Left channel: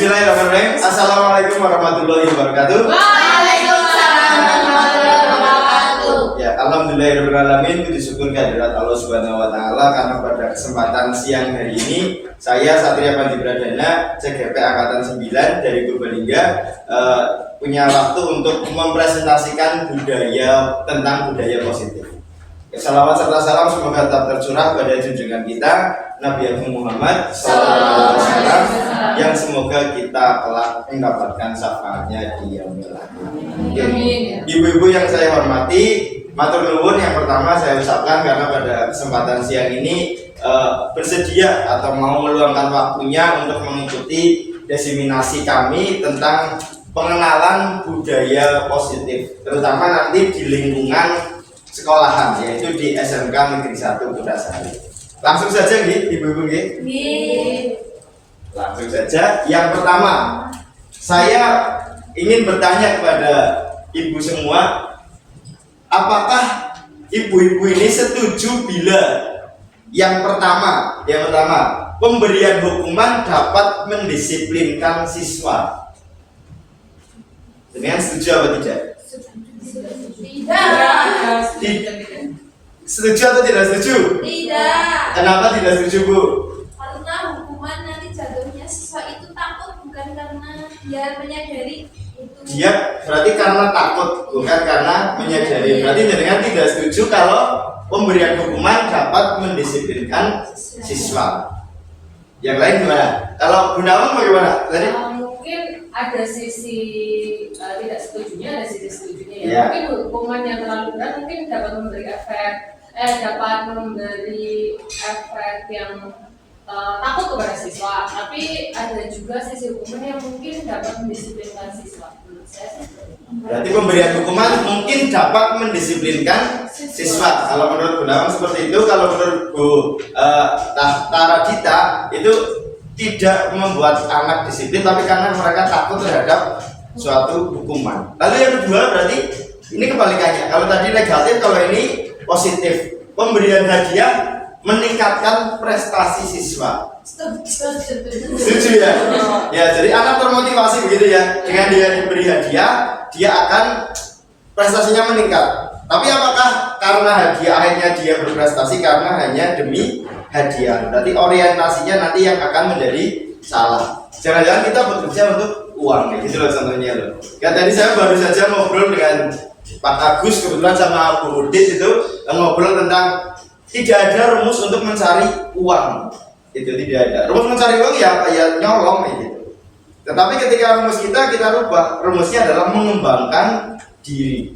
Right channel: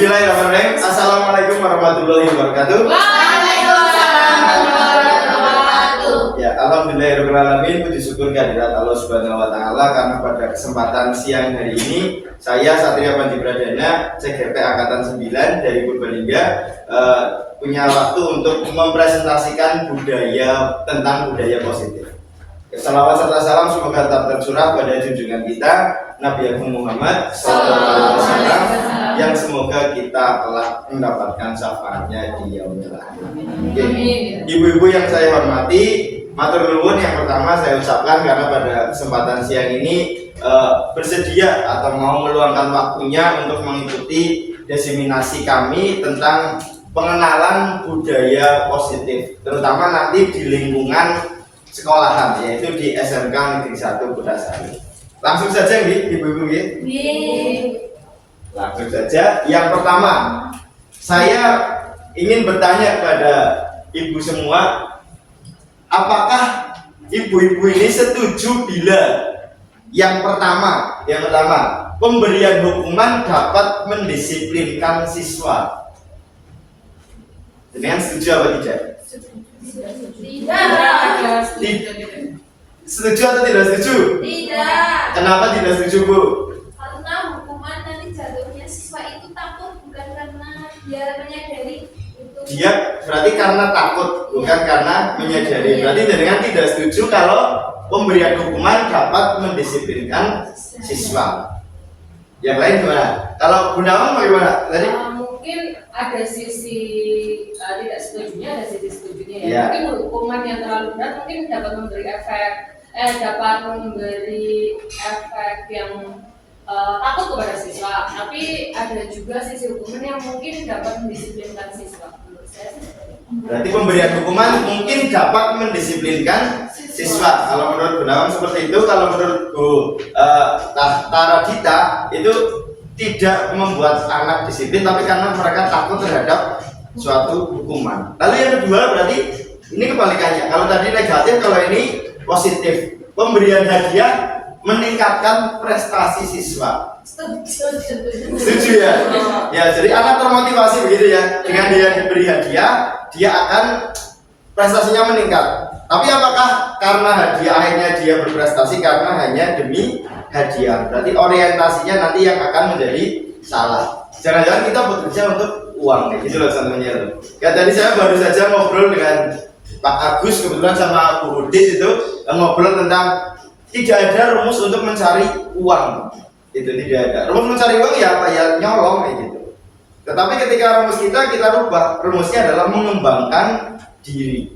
Bismillahirrahmanirrahim. Assalamualaikum warahmatullahi wabarakatuh. Waalaikumsalam warahmatullahi wabarakatuh. Ya, alhamdulillahirrahmanirrahim. Puji syukur kehadirat Allah Subhanahu wa taala karena pada kesempatan siang hari ini saya Satria Pandi Pradana CGP angkatan 9 dari Purbalingga punya waktu untuk mempresentasikan tentang budaya positif. Salawat serta salam semoga tetap tercurah pada junjungan kita Nabi Muhammad SAW yang semoga kita kelak mendapatkan syafaatnya di yaumil akhir. Ibu-ibu yang saya hormati, matur nuwun yang pertama saya ucapkan karena pada kesempatan siang ini bersedia atau mau meluangkan waktunya untuk mengikuti diseminasi kami tentang pengenalan budaya positif, terutama nanti di lingkungan sekolahan, yaitu di SMK Negeri 1 Kutasari. Langsung saja nggih, ibu-ibu nggih. Langsung saja. Yang pertama, saya ingin bertanya kepada ibu semua, apakah ibu-ibu ini setuju bila yang pertama, pemberian hukuman dapat mendisiplinkan siswa? Dengan setuju apa tidak? Setuju atau tidak setuju? Tidak. Kenapa tidak setuju, Bu? Karena hukuman nanti jatuhnya siswa itu takut, bukan karena dia menyadari itu. Dia berarti karena takut, bukan karena menyadari. Berarti dengan tidak setuju kalau pemberian hukuman dapat mendisiplinkan siswa. Yang lain gimana? Kalau Bu Nawang bagaimana? Tadi? Mungkin ada sisi tidak setujunya, ada sisi setujunya ya. Ya. Mungkin hukuman yang terlalu berat mungkin dapat memberi efek yang takut kepada siswa. Tapi ada juga sisi hukuman yang mungkin dapat mendisiplinkan siswa. Menurut saya sih seperti itu. Berarti pemberian hukuman mungkin dapat mendisiplinkan siswa. Kalau menurut Bu Nawang seperti itu, kalau menurut Bu Taradita itu tidak membuat anak disiplin, tapi karena mereka takut terhadap suatu hukuman. Lalu yang kedua berarti ini kebalikannya. Kalau tadi negatif, kalau ini positif. Pemberian hadiah meningkatkan prestasi siswa. Setuju ya? Ya, jadi anak termotivasi begitu ya. Dengan dia diberi hadiah, dia akan prestasinya meningkat. Tapi apakah karena hadiah akhirnya dia berprestasi karena hanya demi hadiah? Berarti orientasinya nanti yang akan menjadi salah. Jangan-jangan kita bekerja untuk uang, gitu loh contohnya loh. Ya tadi saya baru saja ngobrol dengan Pak Agus kebetulan sama Bu Udit itu ngobrol tentang tidak ada rumus untuk mencari uang. Itu tidak ada. Rumus mencari uang ya kayak nyolong kayak gitu. Tetapi ketika rumus kita rubah, rumusnya adalah mengembangkan diri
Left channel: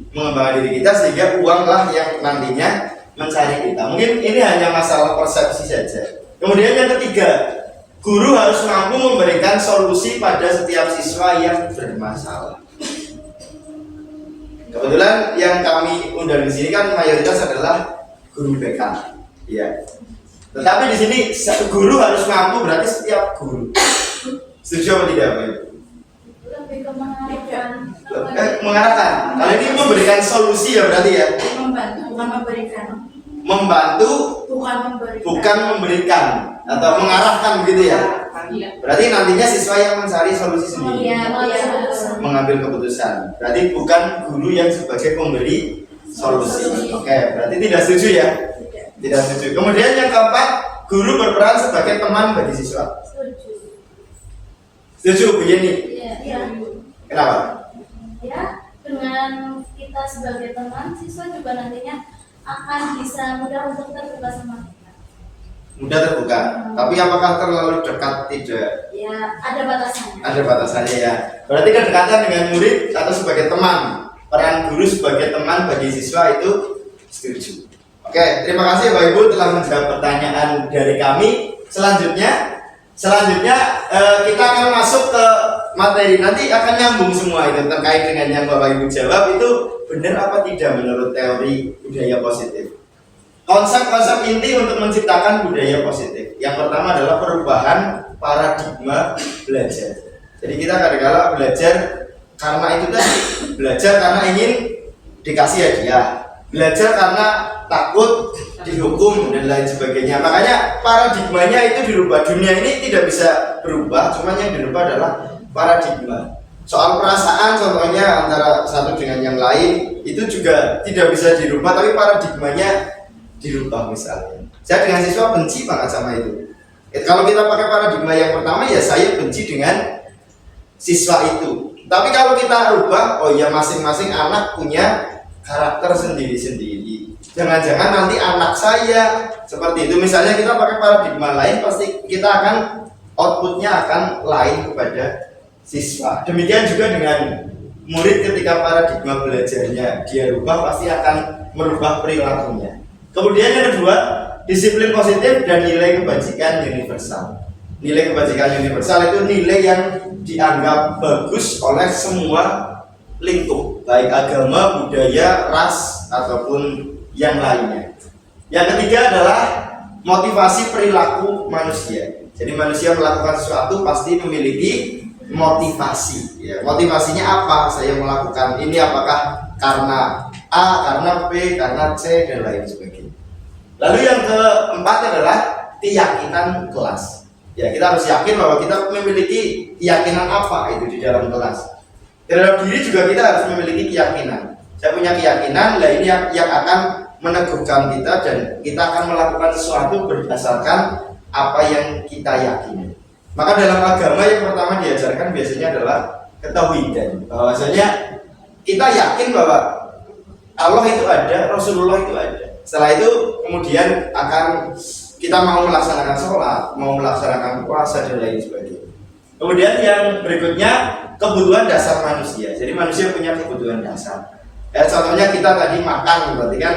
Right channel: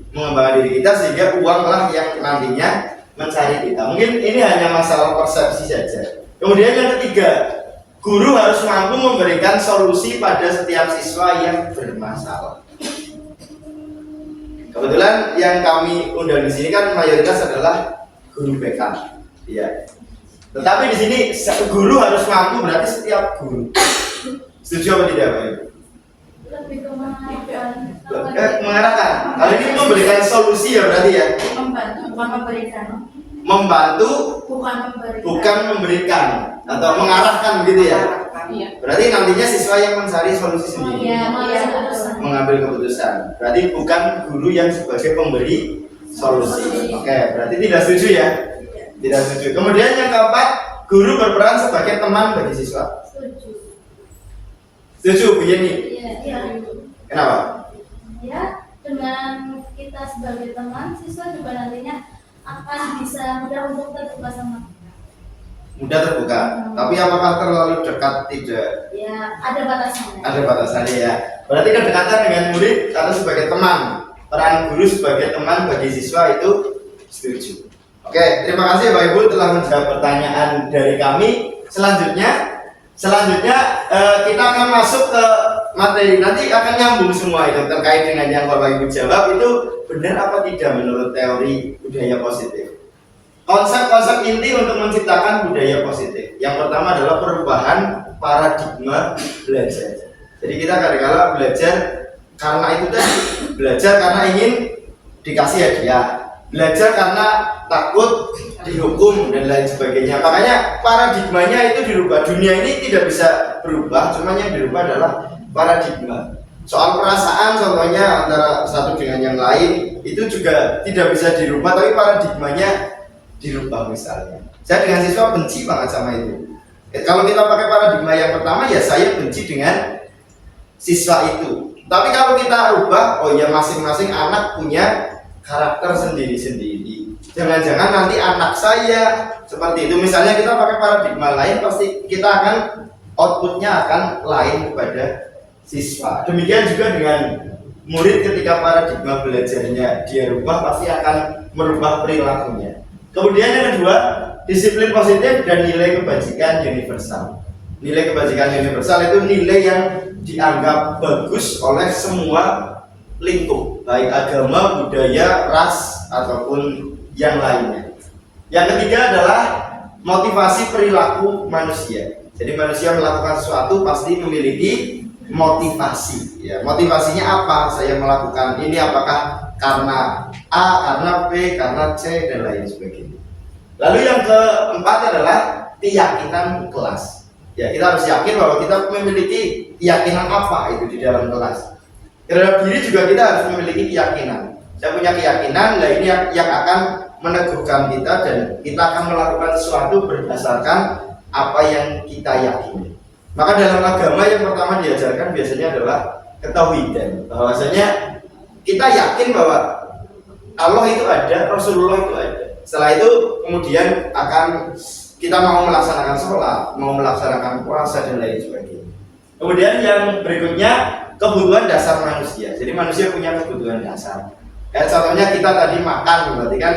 kita sehingga uanglah yang nantinya mencari kita. Mungkin ini hanya masalah persepsi saja. Kemudian yang ketiga, guru harus mampu memberikan solusi pada setiap siswa yang bermasalah. Kebetulan yang kami undang di sini kan mayoritas adalah guru BK, ya. Tetapi di sini guru harus mampu, berarti setiap guru. Setuju apa tidak, Pak? Lebih ke mengarahkan. Mengarahkan. Kali ini memberikan solusi ya berarti ya. Membantu, bukan memberikan. Membantu, bukan memberikan atau mengarahkan begitu ya. Berarti nantinya siswa yang mencari solusi sendiri. Mengambil keputusan. Berarti bukan guru yang sebagai pemberi solusi. Oke, berarti tidak setuju ya? Tidak setuju. Kemudian yang keempat, guru berperan sebagai teman bagi siswa. Setuju begini? Iya. Kenapa? Ya, dengan kita sebagai teman, siswa juga nantinya akan bisa mudah untuk terbuka sama kita. Mudah terbuka. Tapi apakah terlalu dekat? Tidak. Ya, ada batasannya. Ada batasannya ya. Berarti kedekatan dengan murid atau sebagai teman, peran guru sebagai teman bagi siswa itu setuju. Oke, terima kasih Bapak Ibu telah menjawab pertanyaan dari kami. Selanjutnya kita akan masuk ke materi. Nanti akan nyambung semua itu terkait dengan yang Bapak Ibu jawab itu benar apa tidak menurut teori budaya positif. Konsep-konsep inti untuk menciptakan budaya positif. Yang pertama adalah perubahan paradigma belajar. Jadi kita kadang-kadang belajar karena itu tadi, belajar karena ingin dikasih hadiah, belajar karena takut dihukum dan lain sebagainya. Makanya paradigmanya itu dirubah. Dunia ini tidak bisa berubah, cuma yang dirubah adalah paradigma. Soal perasaan contohnya antara satu dengan yang lain itu juga tidak bisa dirubah, tapi paradigmanya dirubah. Misalnya saya dengan siswa benci banget sama itu. Kalau kita pakai paradigma yang pertama, ya saya benci dengan siswa itu. Tapi kalau kita rubah, oh ya masing-masing anak punya karakter sendiri-sendiri. Jangan-jangan nanti anak saya seperti itu. Misalnya kita pakai paradigma lain, pasti kita akan outputnya akan lain kepada siswa. Demikian juga dengan murid, ketika paradigma belajarnya dia rubah, pasti akan merubah perilakunya. Kemudian yang kedua, disiplin positif dan nilai kebajikan universal. Nilai kebajikan universal itu nilai yang dianggap bagus oleh semua lingkup, baik agama, budaya, ras, ataupun yang lainnya. Yang ketiga adalah motivasi perilaku manusia. Jadi manusia melakukan sesuatu pasti memiliki motivasi. Ya, motivasinya apa? Saya melakukan ini apakah karena A, karena B, karena C, dan lain sebagainya. Lalu yang keempat adalah keyakinan kelas. Ya, kita harus yakin bahwa kita memiliki keyakinan apa itu di dalam kelas. Terhadap diri juga kita harus memiliki keyakinan. Saya punya keyakinan, nah ini yang akan meneguhkan kita dan kita akan melakukan sesuatu berdasarkan apa yang kita yakini. Maka dalam agama yang pertama diajarkan biasanya adalah ketauhidan, bahwasanya kita yakin bahwa Allah itu ada, Rasulullah itu ada. Setelah itu kemudian akan kita mau melaksanakan sholat, mau melaksanakan puasa dan lain sebagainya. Kemudian yang berikutnya kebutuhan dasar manusia. Jadi manusia punya kebutuhan dasar. Contohnya kita tadi makan, berarti kan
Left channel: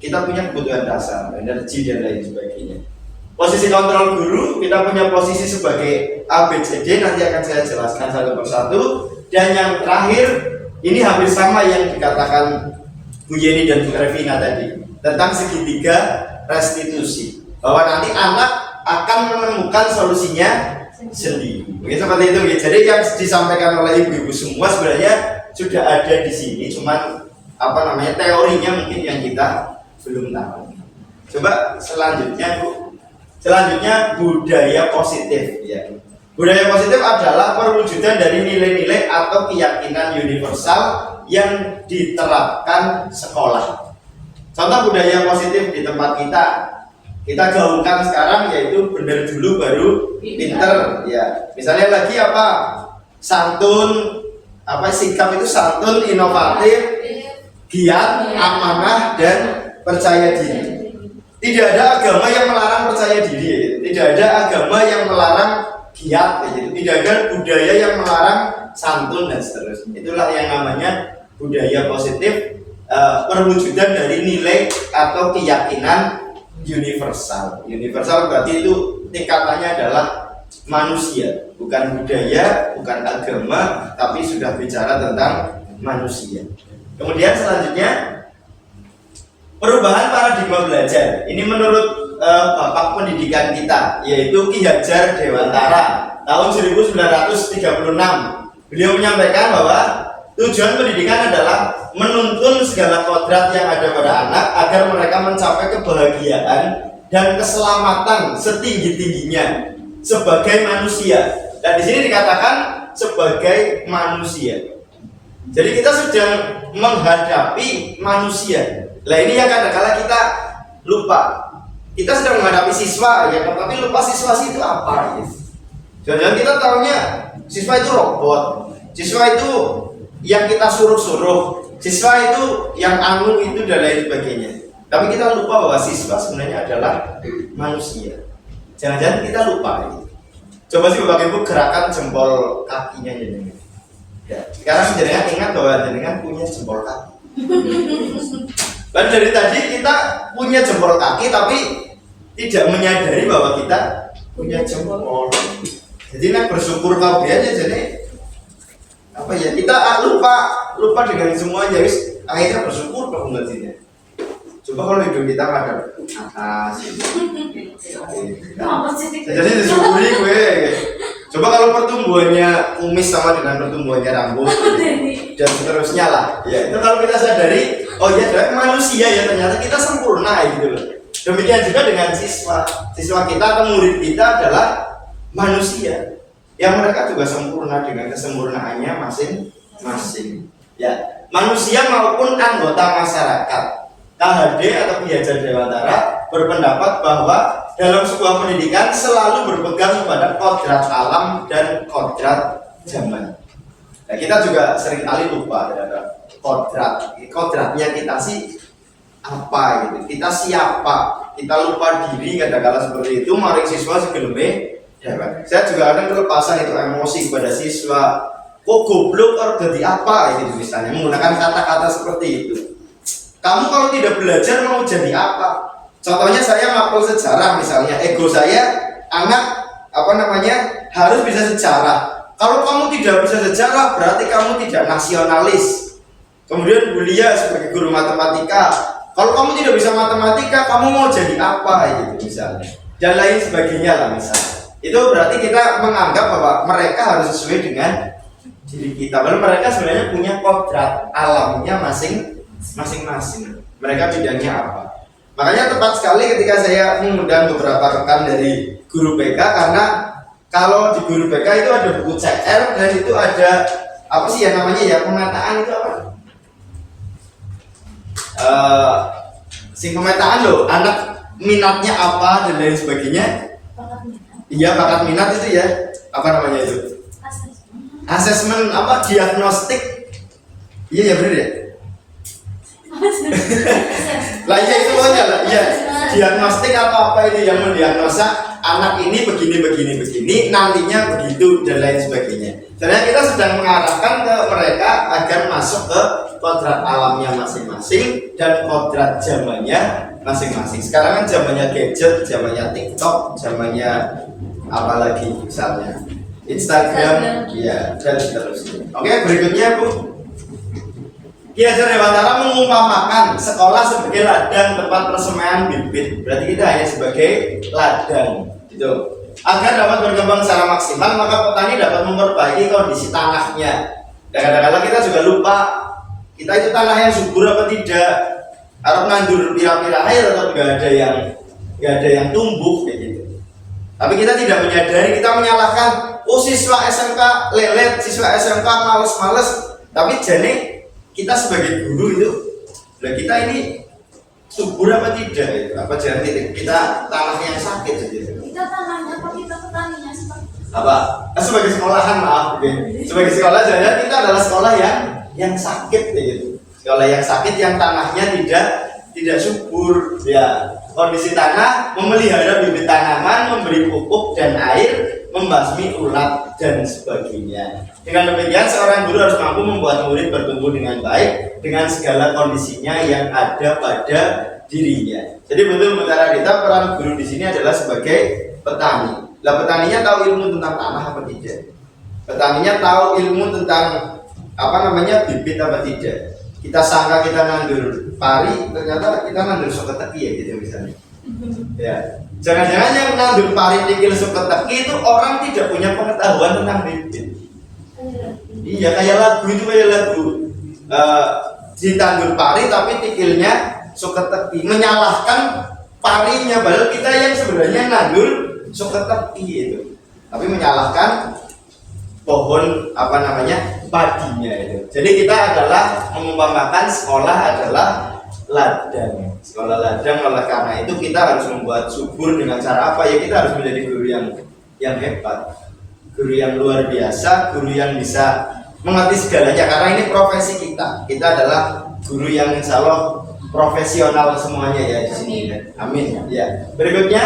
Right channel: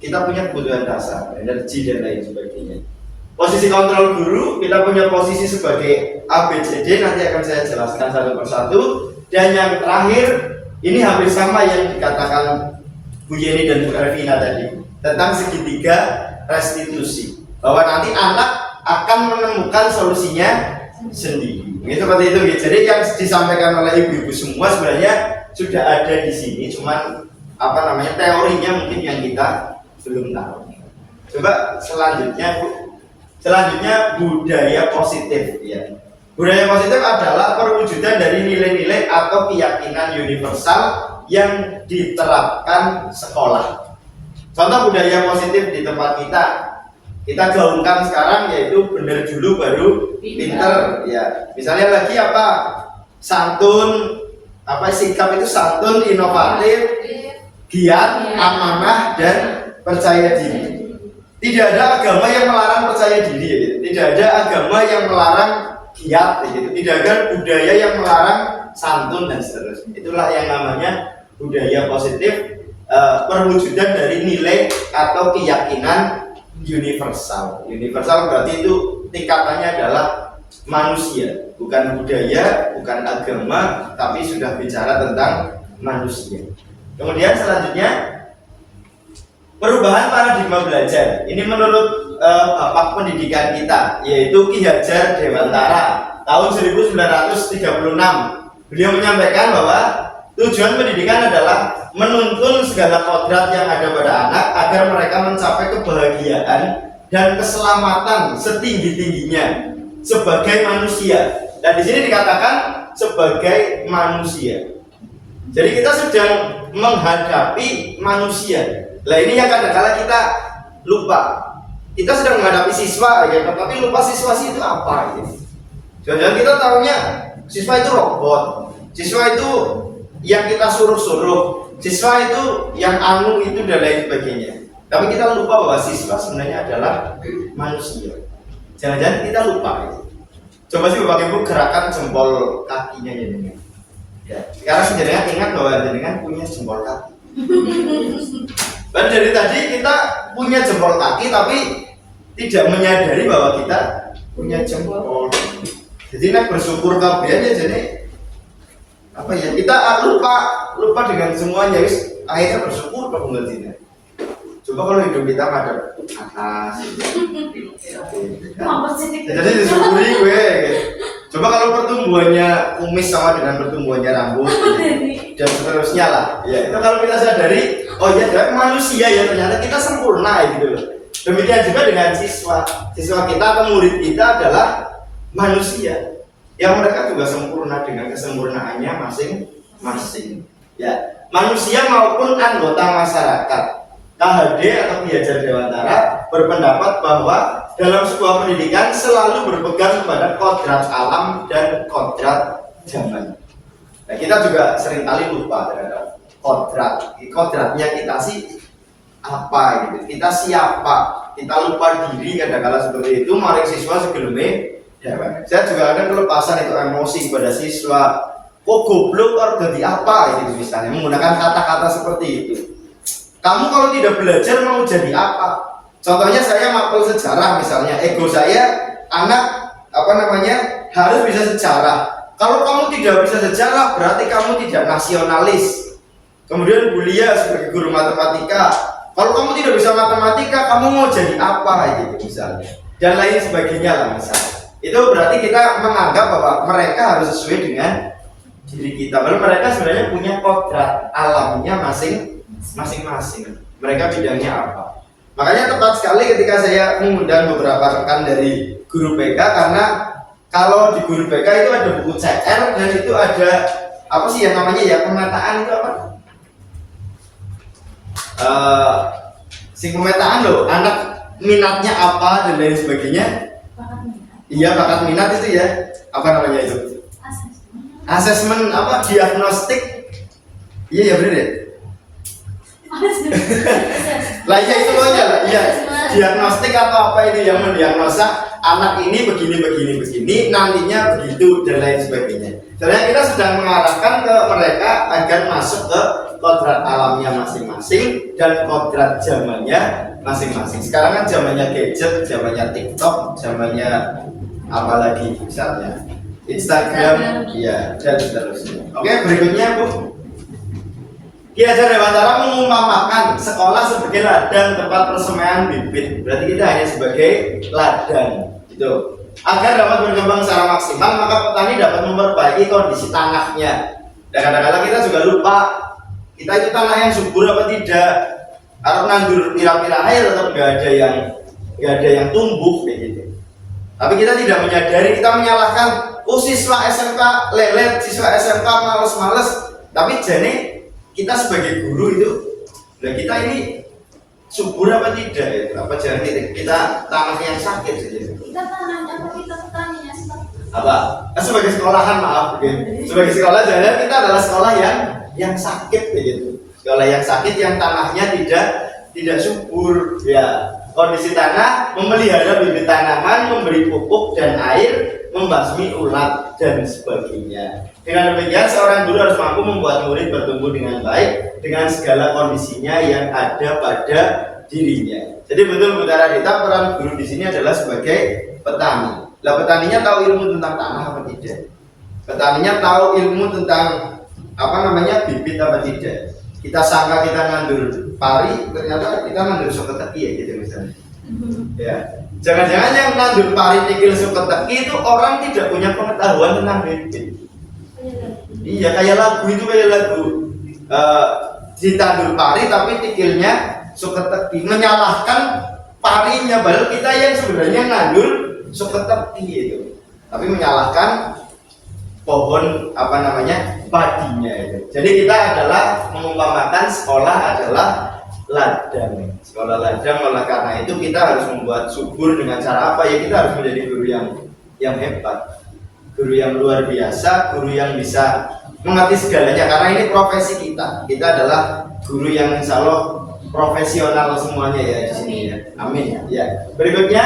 kita punya kebutuhan dasar, energi dan lain sebagainya. Posisi kontrol guru, kita punya posisi sebagai ABCD, nanti akan saya jelaskan satu persatu. Dan yang terakhir, ini hampir sama yang dikatakan Bu Yeni dan Bu Ervina tadi, tentang segitiga restitusi, bahwa nanti anak akan menemukan solusinya sendiri. Mungkin seperti itu. Jadi yang disampaikan oleh ibu-ibu semua sebenarnya sudah ada di sini, cuman teorinya mungkin yang kita belum tahu. Coba selanjutnya Bu. Selanjutnya budaya positif, ya. Budaya positif adalah perwujudan dari nilai-nilai atau keyakinan universal yang diterapkan sekolah. Contoh budaya positif di tempat kita gaungkan sekarang yaitu benar dulu baru pinter, ya. Misalnya lagi apa? Santun, sikap itu santun, inovatif, giat, amanah, dan percaya diri. Tidak ada agama yang melarang percaya diri, tidak ada agama yang melarang giat, tidak ada budaya yang melarang santun dan seterusnya. Itulah yang namanya budaya positif, perwujudan dari nilai atau keyakinan universal. Universal berarti itu tingkatannya adalah manusia, bukan budaya, bukan agama, tapi sudah bicara tentang manusia. Kemudian selanjutnya perubahan paradigma belajar. Ini menurut Bapak Pendidikan kita, yaitu Ki Hajar Dewantara tahun 1936. Beliau menyampaikan bahwa tujuan pendidikan adalah menuntun segala kodrat yang ada pada anak agar mereka mencapai kebahagiaan dan keselamatan setinggi-tingginya sebagai manusia. Dan di sini dikatakan sebagai manusia. Jadi kita sedang menghadapi manusia. Lah ini yang kadang-kadang kita lupa. Kita sedang menghadapi siswa, ya, tapi lupa siswa itu apa? Ya. Jangan-jangan kita tahunya siswa itu robot, siswa itu yang kita suruh-suruh, siswa itu yang anu itu dan lain sebagainya. Tapi kita lupa bahwa siswa sebenarnya adalah manusia. Jangan-jangan kita lupa itu. Coba sih Bapak Ibu gerakan jempol kakinya jenengan. Ya, sekarang jenengan ingat bahwa jenengan punya jempol kaki. Dan dari tadi kita punya jempol kaki tapi tidak menyadari bahwa kita punya jempol. Jadi nak bersyukur kabarnya jadi kita lupa dengan semuanya, wis akhirnya bersyukur kok ngertinya. Coba kalau hidup kita madep atas. Jadi disyukuri gue. Coba kalau pertumbuhannya kumis sama dengan pertumbuhannya rambut dan seterusnya lah. Ya, itu kalau kita sadari, oh ya ternyata manusia ya, ternyata kita sempurna gitu loh. Demikian juga dengan siswa kita atau murid kita adalah manusia. ya mereka juga sempurna dengan kesempurnaannya masing-masing. Ya, manusia maupun anggota masyarakat. KHD atau Ki Hajar Dewantara berpendapat bahwa dalam sebuah pendidikan selalu berpegang kepada kodrat alam dan kodrat zaman. Nah, kita juga seringkali lupa terhadap kodratnya kita sih apa gitu. Kita siapa? Kita lupa diri kadang-kala seperti itu. Maring siswa segeleme. Ya, saya juga ada kelepasan itu emosi pada siswa. Kok goblok atau jadi apa gitu misalnya menggunakan kata-kata seperti itu. Kamu kalau tidak belajar mau jadi apa? Contohnya saya mapel sejarah misalnya, ego saya anak harus bisa sejarah. Kalau kamu tidak bisa sejarah berarti kamu tidak nasionalis. Kemudian Bulia sebagai guru matematika, kalau kamu tidak bisa matematika kamu mau jadi apa gitu misalnya. Dan lain sebagainya lah misalnya. Itu berarti kita menganggap bahwa mereka harus sesuai dengan diri kita. Lalu mereka sebenarnya punya kodrat alamnya masing-masing. Mereka bidangnya apa? Makanya tepat sekali ketika saya mengundang beberapa rekan dari guru BK, karena kalau di guru BK itu ada buku CR dan itu ada apa sih yang namanya ya pemetaan itu apa? Pemetaan loh, anak minatnya apa dan lain sebagainya. Bakat minat. Iya, bakat minat itu ya. Apa namanya itu? Asesmen apa? Diagnostik. Iya ya benar ya. Lainnya itu aja lah. Iya. Diagnostik atau apa itu yang mendiagnosa anak ini begini, nantinya begitu dan lain sebagainya. Sebenarnya kita sedang mengarahkan ke mereka agar masuk ke kodrat alamnya masing-masing dan kodrat zamannya masing-masing. Sekarang kan zamannya gadget, zamannya TikTok, zamannya apa lagi misalnya Instagram, ya dan seterusnya. Oke, berikutnya Bu. Ki Hajar Dewantara mengumpamakan sekolah sebagai ladang tempat persemaian bibit. Berarti kita hanya sebagai ladang, gitu. Agar dapat berkembang secara maksimal, maka petani dapat memperbaiki kondisi tanahnya. Dan kadang-kadang kita juga lupa, kita itu tanah yang subur apa tidak, atau nandur pira-pira air atau nggak ada yang tumbuh kayak gitu. Tapi kita tidak menyadari, kita menyalahkan, oh siswa SMK lelet, siswa SMK males-males. Tapi jadi kita sebagai guru itu, nah kita ini subur apa tidak ya? Apa jangan kita tanah yang sakit gitu. Kita tanahnya apa kita petaninya sih Pak? Apa? Sebagai sekolahan maaf, okay. Sebagai sekolah jangan kita adalah sekolah yang sakit gitu. Sekolah yang sakit yang tanahnya tidak subur ya. Kondisi tanah, memelihara bibit tanaman, memberi pupuk dan air, membasmi ulat dan sebagainya. Dengan demikian seorang guru harus mampu membuat murid bertumbuh dengan baik dengan segala kondisinya yang ada pada dirinya. Jadi betul Bu Taradita, peran guru di sini adalah sebagai petani. Lah petaninya tahu ilmu tentang tanah apa tidak? Petaninya tahu ilmu tentang bibit apa tidak? Kita sangka kita nandur pari, ternyata kita nandur soketeki ya gitu misalnya. Ya, jangan-jangan yang nandur pari tikil soketeki itu orang tidak punya pengetahuan tentang bibit. Iya, kayak lagu ditandur pari tapi tikilnya soketeki, menyalahkan parinya, padahal kita yang sebenarnya nandur soketeki itu, tapi menyalahkan pohon padinya itu. Jadi kita adalah mengumpamakan sekolah adalah ladang. Sekolah ladang, oleh karena itu kita harus membuat subur dengan cara apa ya? Kita harus menjadi guru yang hebat, guru yang luar biasa, guru yang bisa mengerti segalanya. Karena ini profesi kita. Kita adalah guru yang insya Allah profesional semuanya ya di sini ya. Amin. Ya. Berikutnya,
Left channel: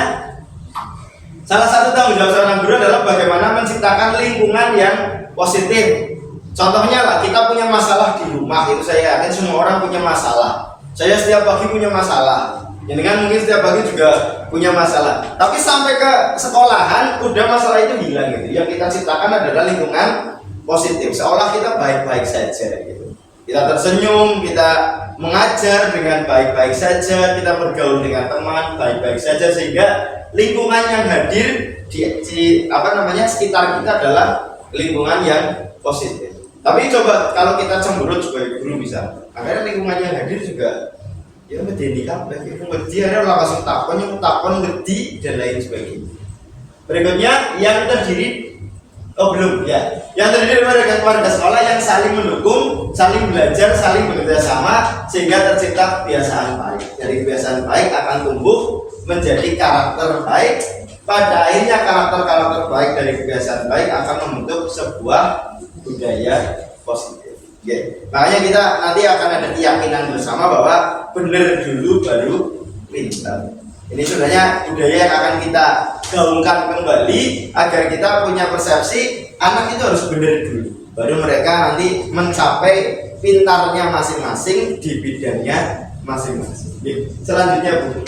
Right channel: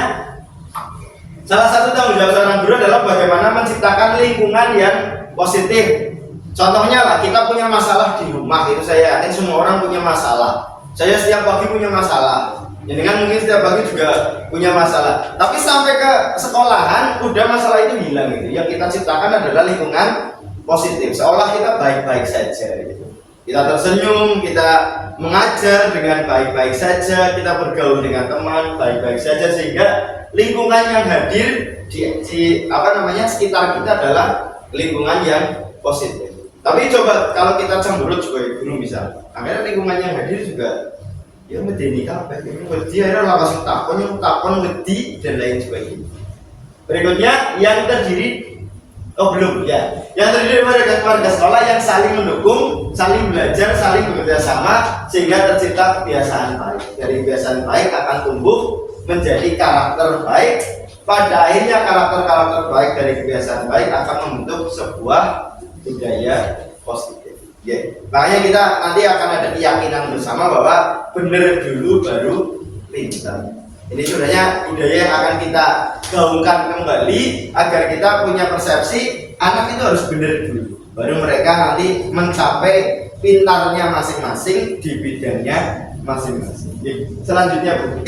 salah satu tanggung jawab seorang guru adalah bagaimana menciptakan lingkungan yang positif. Contohnya lah, kita punya masalah di rumah, itu saya yakin semua orang punya masalah. Saya setiap pagi punya masalah. Jangan mungkin setiap pagi juga punya masalah. Tapi sampai ke sekolahan, udah masalah itu hilang gitu. Yang kita ciptakan adalah lingkungan positif. Seolah kita baik-baik saja gitu. Kita tersenyum, kita mengajar dengan baik-baik saja, kita bergaul dengan teman baik-baik saja, sehingga lingkungan yang hadir di sekitar kita adalah lingkungan yang positif. Tapi coba kalau kita cemberut sebagai guru misal, akhirnya lingkungan yang hadir juga ya medeni kabeh, wedi akhirnya langsung takon wedi dan lain sebagainya. Berikutnya yang terdiri Oh belum ya. Yang terdiri dari warga sekolah yang saling mendukung, saling belajar, saling bekerja sama sehingga tercipta kebiasaan baik. Dari kebiasaan baik akan tumbuh menjadi karakter baik. Pada akhirnya karakter-karakter baik dari kebiasaan baik akan membentuk sebuah budaya positif. Oke. Makanya kita nanti akan ada keyakinan bersama bahwa benar dulu baru pintar. Ini sebenarnya budaya yang akan kita gaungkan kembali agar kita punya persepsi anak itu harus benar dulu, baru mereka nanti mencapai pintarnya masing-masing di bidangnya masing-masing. Selanjutnya Bu,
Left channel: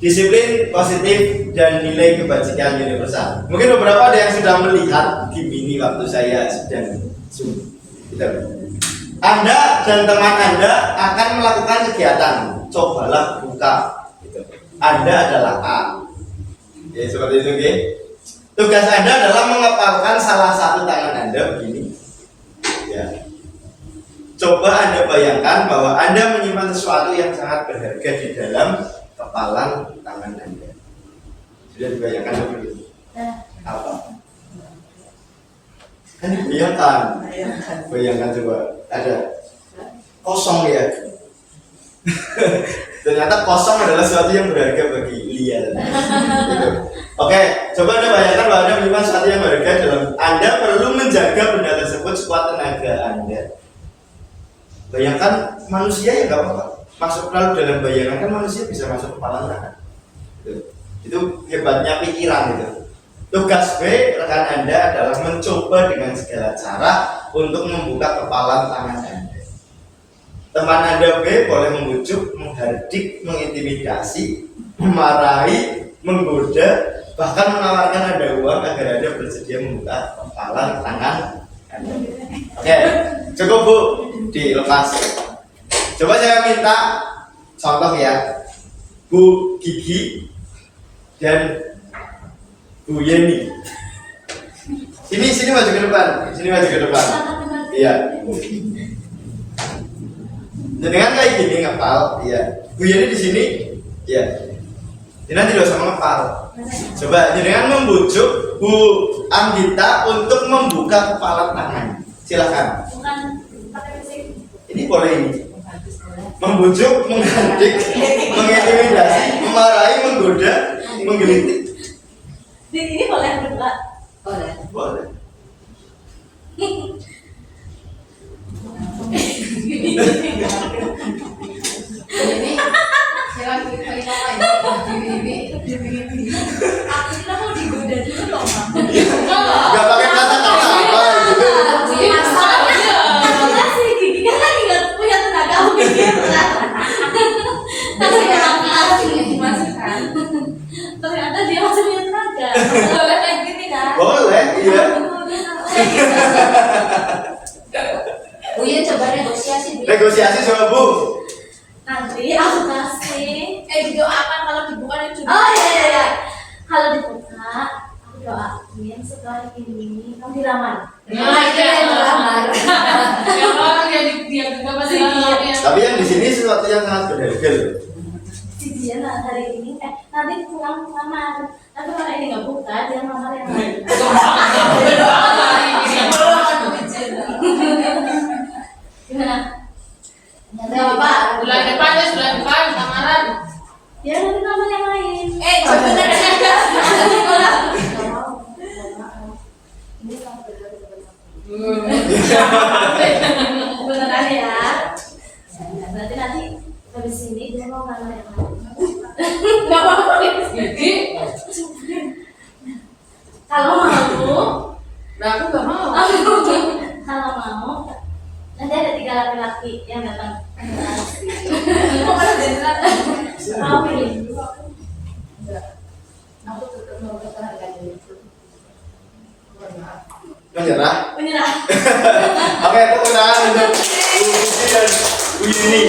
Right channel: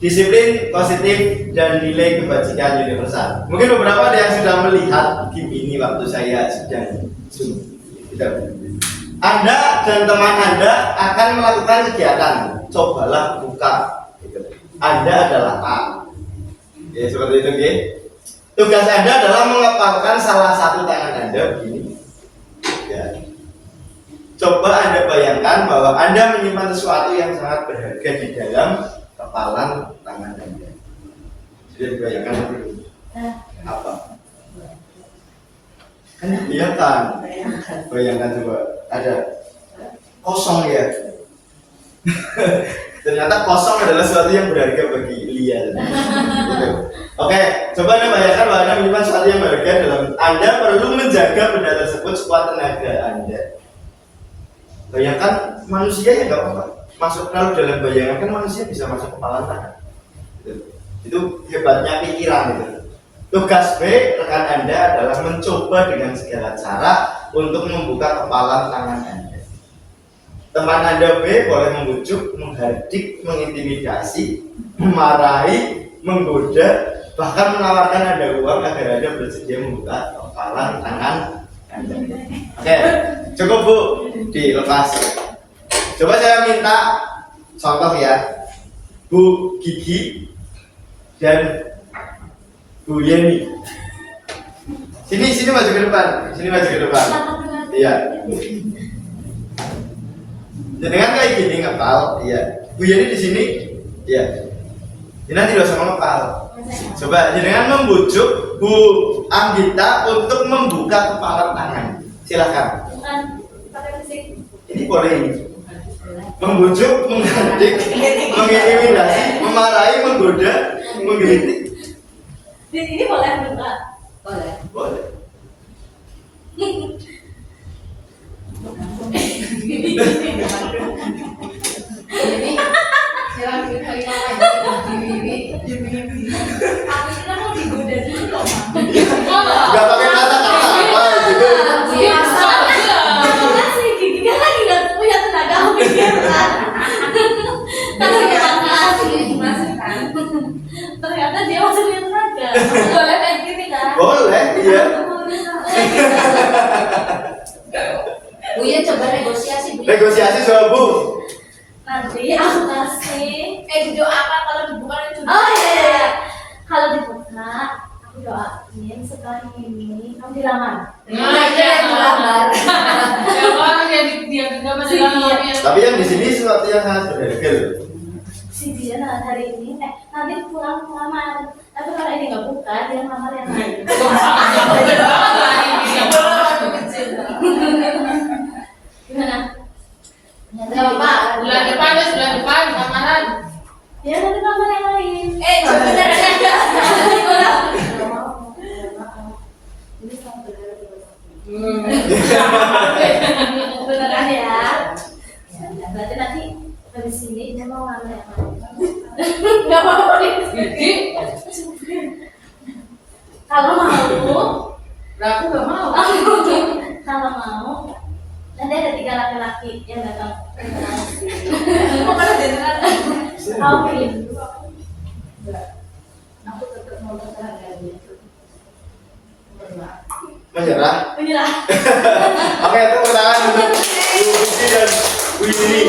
disiplin positif dan nilai kebajikan universal. Mungkin beberapa ada yang sudah melihat game ini waktu saya sedang Zoom. Anda dan teman Anda akan melakukan kegiatan. Cobalah buka. Gitu. Anda adalah A. Ya, seperti itu, okay? Tugas Anda adalah mengepalkan salah satu tangan Anda begini. Ya. Coba Anda bayangkan bahwa Anda menyimpan sesuatu yang sangat berharga di dalam kepalan tangan Anda. Sudah dibayangkan belum? Apa? Bayangkan coba. Ada kosong ya. Ternyata kosong adalah sesuatu yang berharga bagi Lia. Oke, coba Anda bayangkan bahwa Anda menyimpan sesuatu yang berharga dalam Anda perlu menjaga benda tersebut sekuat tenaga Anda. Bayangkan manusia ya nggak apa-apa. Masuk kalau dalam bayangan kan manusia bisa masuk kepala tangan. Itu hebatnya pikiran gitu. Tugas B rekan Anda adalah mencoba dengan segala cara untuk membuka kepala tangan Anda. Teman Anda B boleh membujuk, menghardik, mengintimidasi, memarahi, menggoda, bahkan menawarkan Anda uang agar Anda bersedia membuka kepala tangan Anda. Oke, cukup Bu, dilepas. Coba saya minta contoh ya, Bu Gigi dan Bu Yeni. Sini maju ke depan, Iya. Dengan kayak gini ngepal, iya. Bu Yeni di sini, iya. Ini nanti dosa mengepal. Coba dengan membujuk Bu Anggita untuk membuka kepala tangan. Silakan. Bukan pakai fisik. Ini boleh ini. Membujuk, menghardik, mengintimidasi, memarahi, menggoda, menggelitik. Ini boleh buka. Boleh. Aku kira mau digoda dulu kok, Mam. Gak pakai kata-kata apa gitu. Karena si Gigi kan lagi nggak punya tenaga pikir kan. Ternyata dia masih punya tenaga. Boleh kayak gini kan? Boleh, iya. Bu Yen coba negosiasi Bu. Negosiasi soal Bu. Nanti aku kasih. Didoakan kalau dibuka itu. Oh iya. Kalau dibuka, aku doain setelah ini kamu dilamar. Lamar. Ya orang yang dia juga masih lama ya. Tapi yang di sini sesuatu yang sangat berharga loh. Si dia hari ini, nanti pulang lamar. Tapi kalau ini nggak buka, dia lamar yang lain. Gimana? Enggak apa. Bulan depan lamaran. Ya nanti lamar yang lain. Coba Ini kan Hmm. beneran ya. Berarti nanti habis ini dia mau lamar yang lain. Nggak apa-apa. Jadi, Kalau mau, aku gak mau. kalau mau, nanti ada 3 laki-laki yang datang. Mau pilih. Aku tetap mau terserah dari itu. Menyerah. Menyerah. Oke, tepuk tangan untuk Bu Gigi dan Bu Yeni.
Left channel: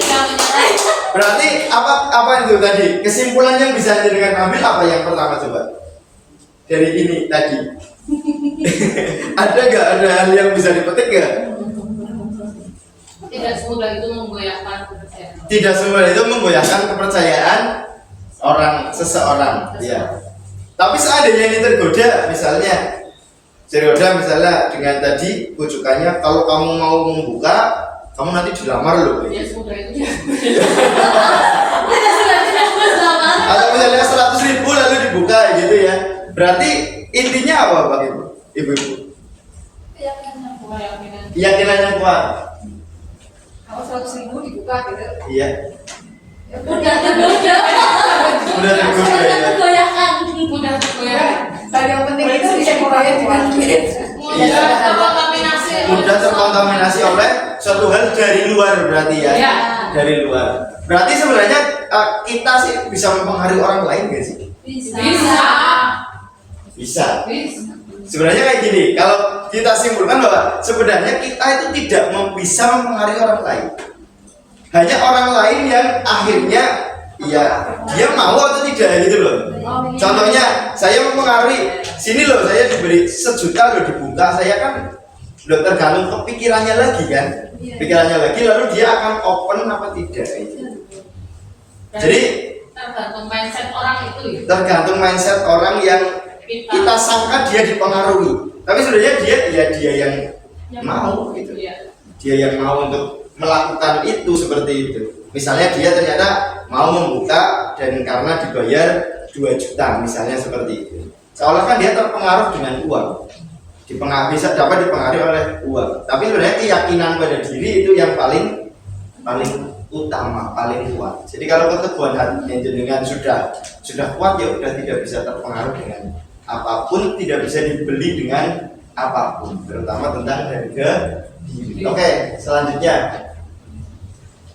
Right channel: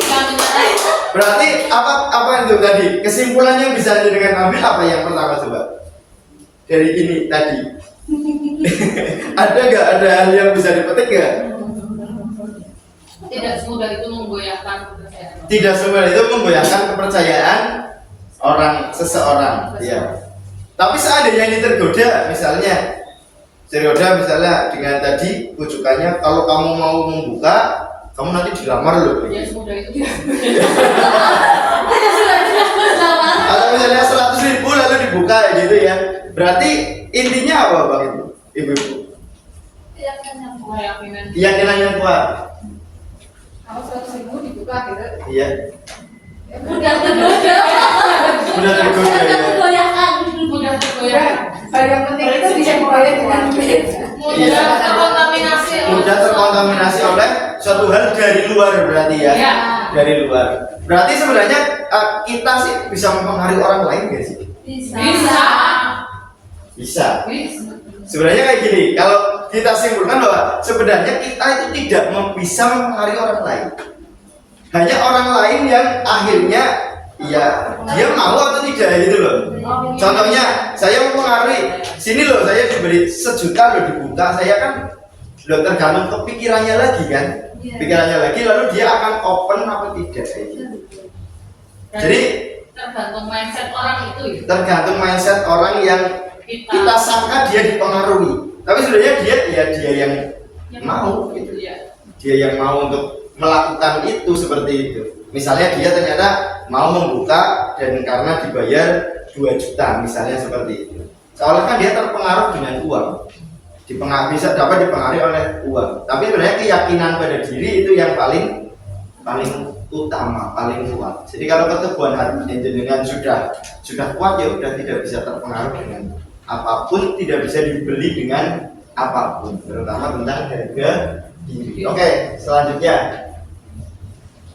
Berarti apa itu tadi? Kesimpulan yang bisa dengan ambil apa yang pertama coba? Dari ini tadi. Ada hal yang bisa dipetik nggak? Tidak semudah itu menggoyahkan kepercayaan. Tidak semudah itu menggoyahkan kepercayaan seseorang. Ya. Tapi seandainya ini tergoda misalnya dengan tadi rujukannya, kalau kamu mau membuka, kamu nanti dilamar loh. Ya semudah itu dia. Kalau misalnya 100.000 lalu dibuka gitu ya, berarti intinya apa Pak Ibu? Keyakinannya kuat. Kalau 100.000 dibuka gitu. Iya. Mudah tergoda. Udah tergoda ya. Tergoyahkan. Mudah tergoyah. Hal yang penting itu bisa mulai dengan duit. Mudah terkontaminasi. Mudah terkontaminasi oleh suatu hal dari luar berarti ya. Iya. Dari luar. Berarti sebenarnya kita sih bisa mempengaruhi orang lain gak sih? Bisa. Bisa. Bisa. Sebenarnya kayak gini, kalau kita simpulkan bahwa sebenarnya kita itu tidak bisa mempengaruhi orang lain. Hanya orang lain yang akhirnya ya dia mau atau tidak gitu loh. Contohnya saya mempengaruhi, sini loh saya diberi 1 juta loh dibuka, saya kan loh tergantung kepikirannya lagi kan. Pikirannya lagi lalu dia akan open apa tidak gitu. Jadi tergantung mindset orang itu ya. tergantung mindset orang yang kita sangka dia dipengaruhi, tapi sebenarnya dia yang mau gitu. Iya. Dia yang mau untuk melakukan itu seperti itu. Misalnya dia ternyata mau membuka dan karena dibayar 2 juta misalnya seperti itu. Seolah kan dia terpengaruh dengan uang. Bisa dapat dipengaruhi oleh uang. Tapi sebenarnya keyakinan pada diri itu yang paling utama, paling kuat. Jadi kalau keteguhan hati jenengan sudah kuat ya udah tidak bisa terpengaruh dengan apapun, tidak bisa dibeli dengan apapun, terutama tentang harga diri. Oke, selanjutnya.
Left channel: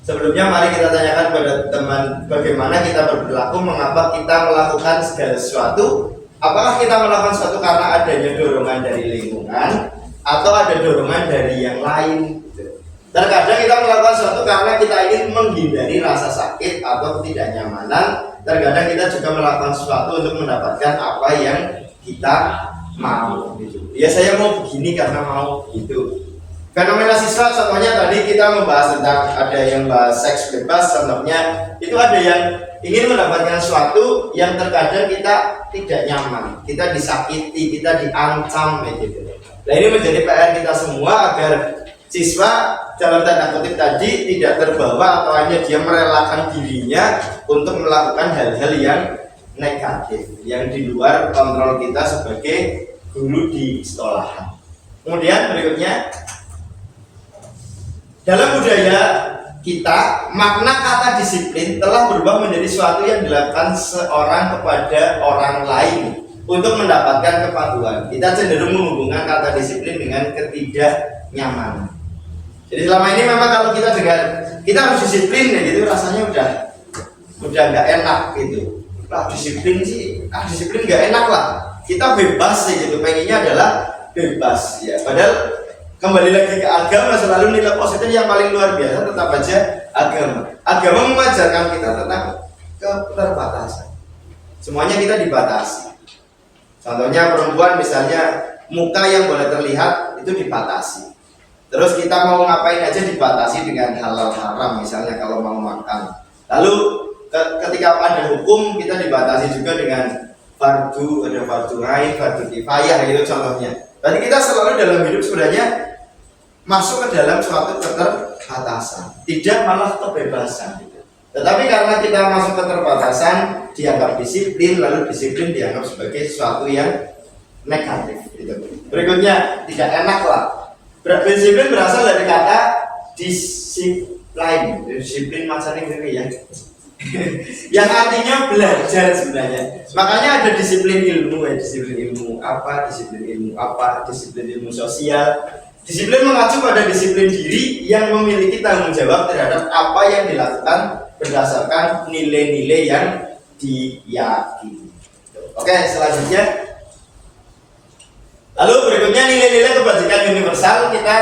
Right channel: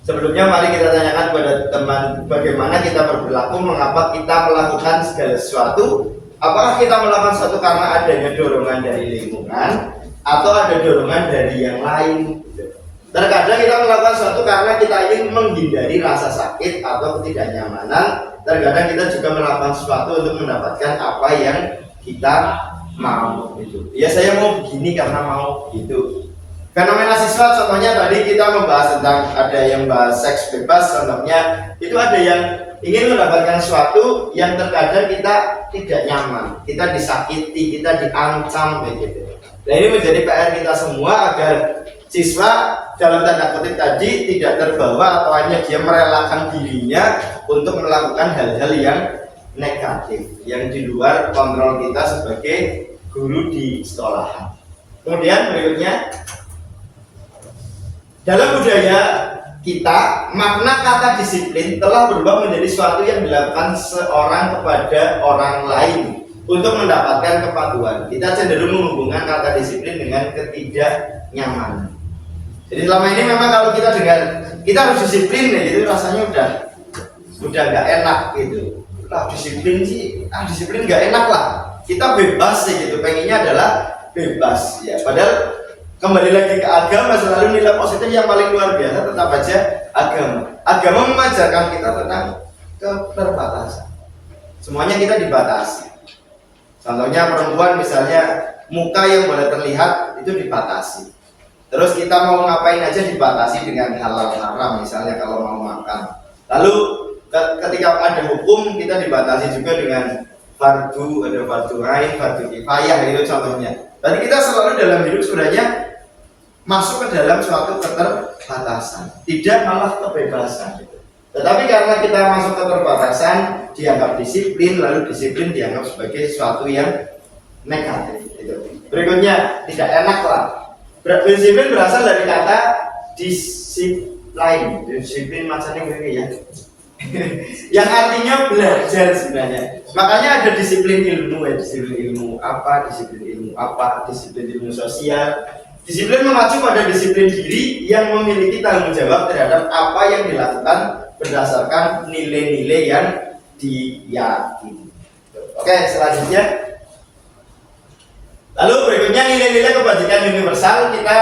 Sebelumnya mari kita tanyakan pada teman bagaimana kita berperilaku, mengapa kita melakukan segala sesuatu. Apakah kita melakukan sesuatu karena adanya dorongan dari lingkungan atau ada dorongan dari yang lain? Terkadang kita melakukan sesuatu karena kita ingin menghindari rasa sakit atau ketidaknyamanan. Terkadang kita juga melakukan sesuatu untuk mendapatkan apa yang kita mau gitu. Ya saya mau begini karena mau gitu. Fenomena siswa contohnya tadi kita membahas tentang ada yang bahas seks bebas, contohnya itu ada yang ingin mendapatkan sesuatu yang terkadang kita tidak nyaman, kita disakiti, kita diancam gitu. Nah ini menjadi PR kita semua agar siswa dalam tanda kutip tadi tidak terbawa atau hanya dia merelakan dirinya untuk melakukan hal-hal yang negatif yang di luar kontrol kita sebagai guru di sekolahan. Kemudian berikutnya, dalam budaya kita makna kata disiplin telah berubah menjadi sesuatu yang dilakukan seorang kepada orang lain untuk mendapatkan kepatuhan. Kita cenderung menghubungkan kata disiplin dengan ketidaknyamanan. Jadi selama ini memang kalau kita dengar kita harus disiplin ya gitu, rasanya udah nggak enak gitu. Disiplin sih, disiplin nggak enak lah. Kita bebas sih gitu, pengennya adalah bebas ya. Padahal kembali lagi ke agama, selalu nilai positif yang paling luar biasa tetap aja agama. Agama mengajarkan kita tentang keterbatasan. Semuanya kita dibatasi. Contohnya perempuan misalnya muka yang boleh terlihat itu dibatasi. Terus kita mau ngapain aja dibatasi dengan halal haram misalnya kalau mau makan. Lalu ketika ada hukum kita dibatasi juga dengan fardu, ada fardu ain, fardu kifayah itu contohnya. Tadi kita selalu dalam hidup sebenarnya masuk ke dalam suatu keterbatasan, tidak malah kebebasan gitu. Tetapi karena kita masuk ke keterbatasan dianggap disiplin, lalu disiplin dianggap sebagai sesuatu yang negatif gitu. Berikutnya tidak enak lah. Disiplin berasal dari kata disiplin, disiplin macamnya gitu ya. Yang artinya belajar sebenarnya. Makanya ada disiplin ilmu ya, disiplin ilmu apa, disiplin ilmu sosial. Disiplin mengacu pada disiplin diri yang memiliki tanggung jawab terhadap apa yang dilakukan berdasarkan nilai-nilai yang diyakini. Oke, selanjutnya. Lalu berikutnya nilai-nilai kebajikan universal. Kita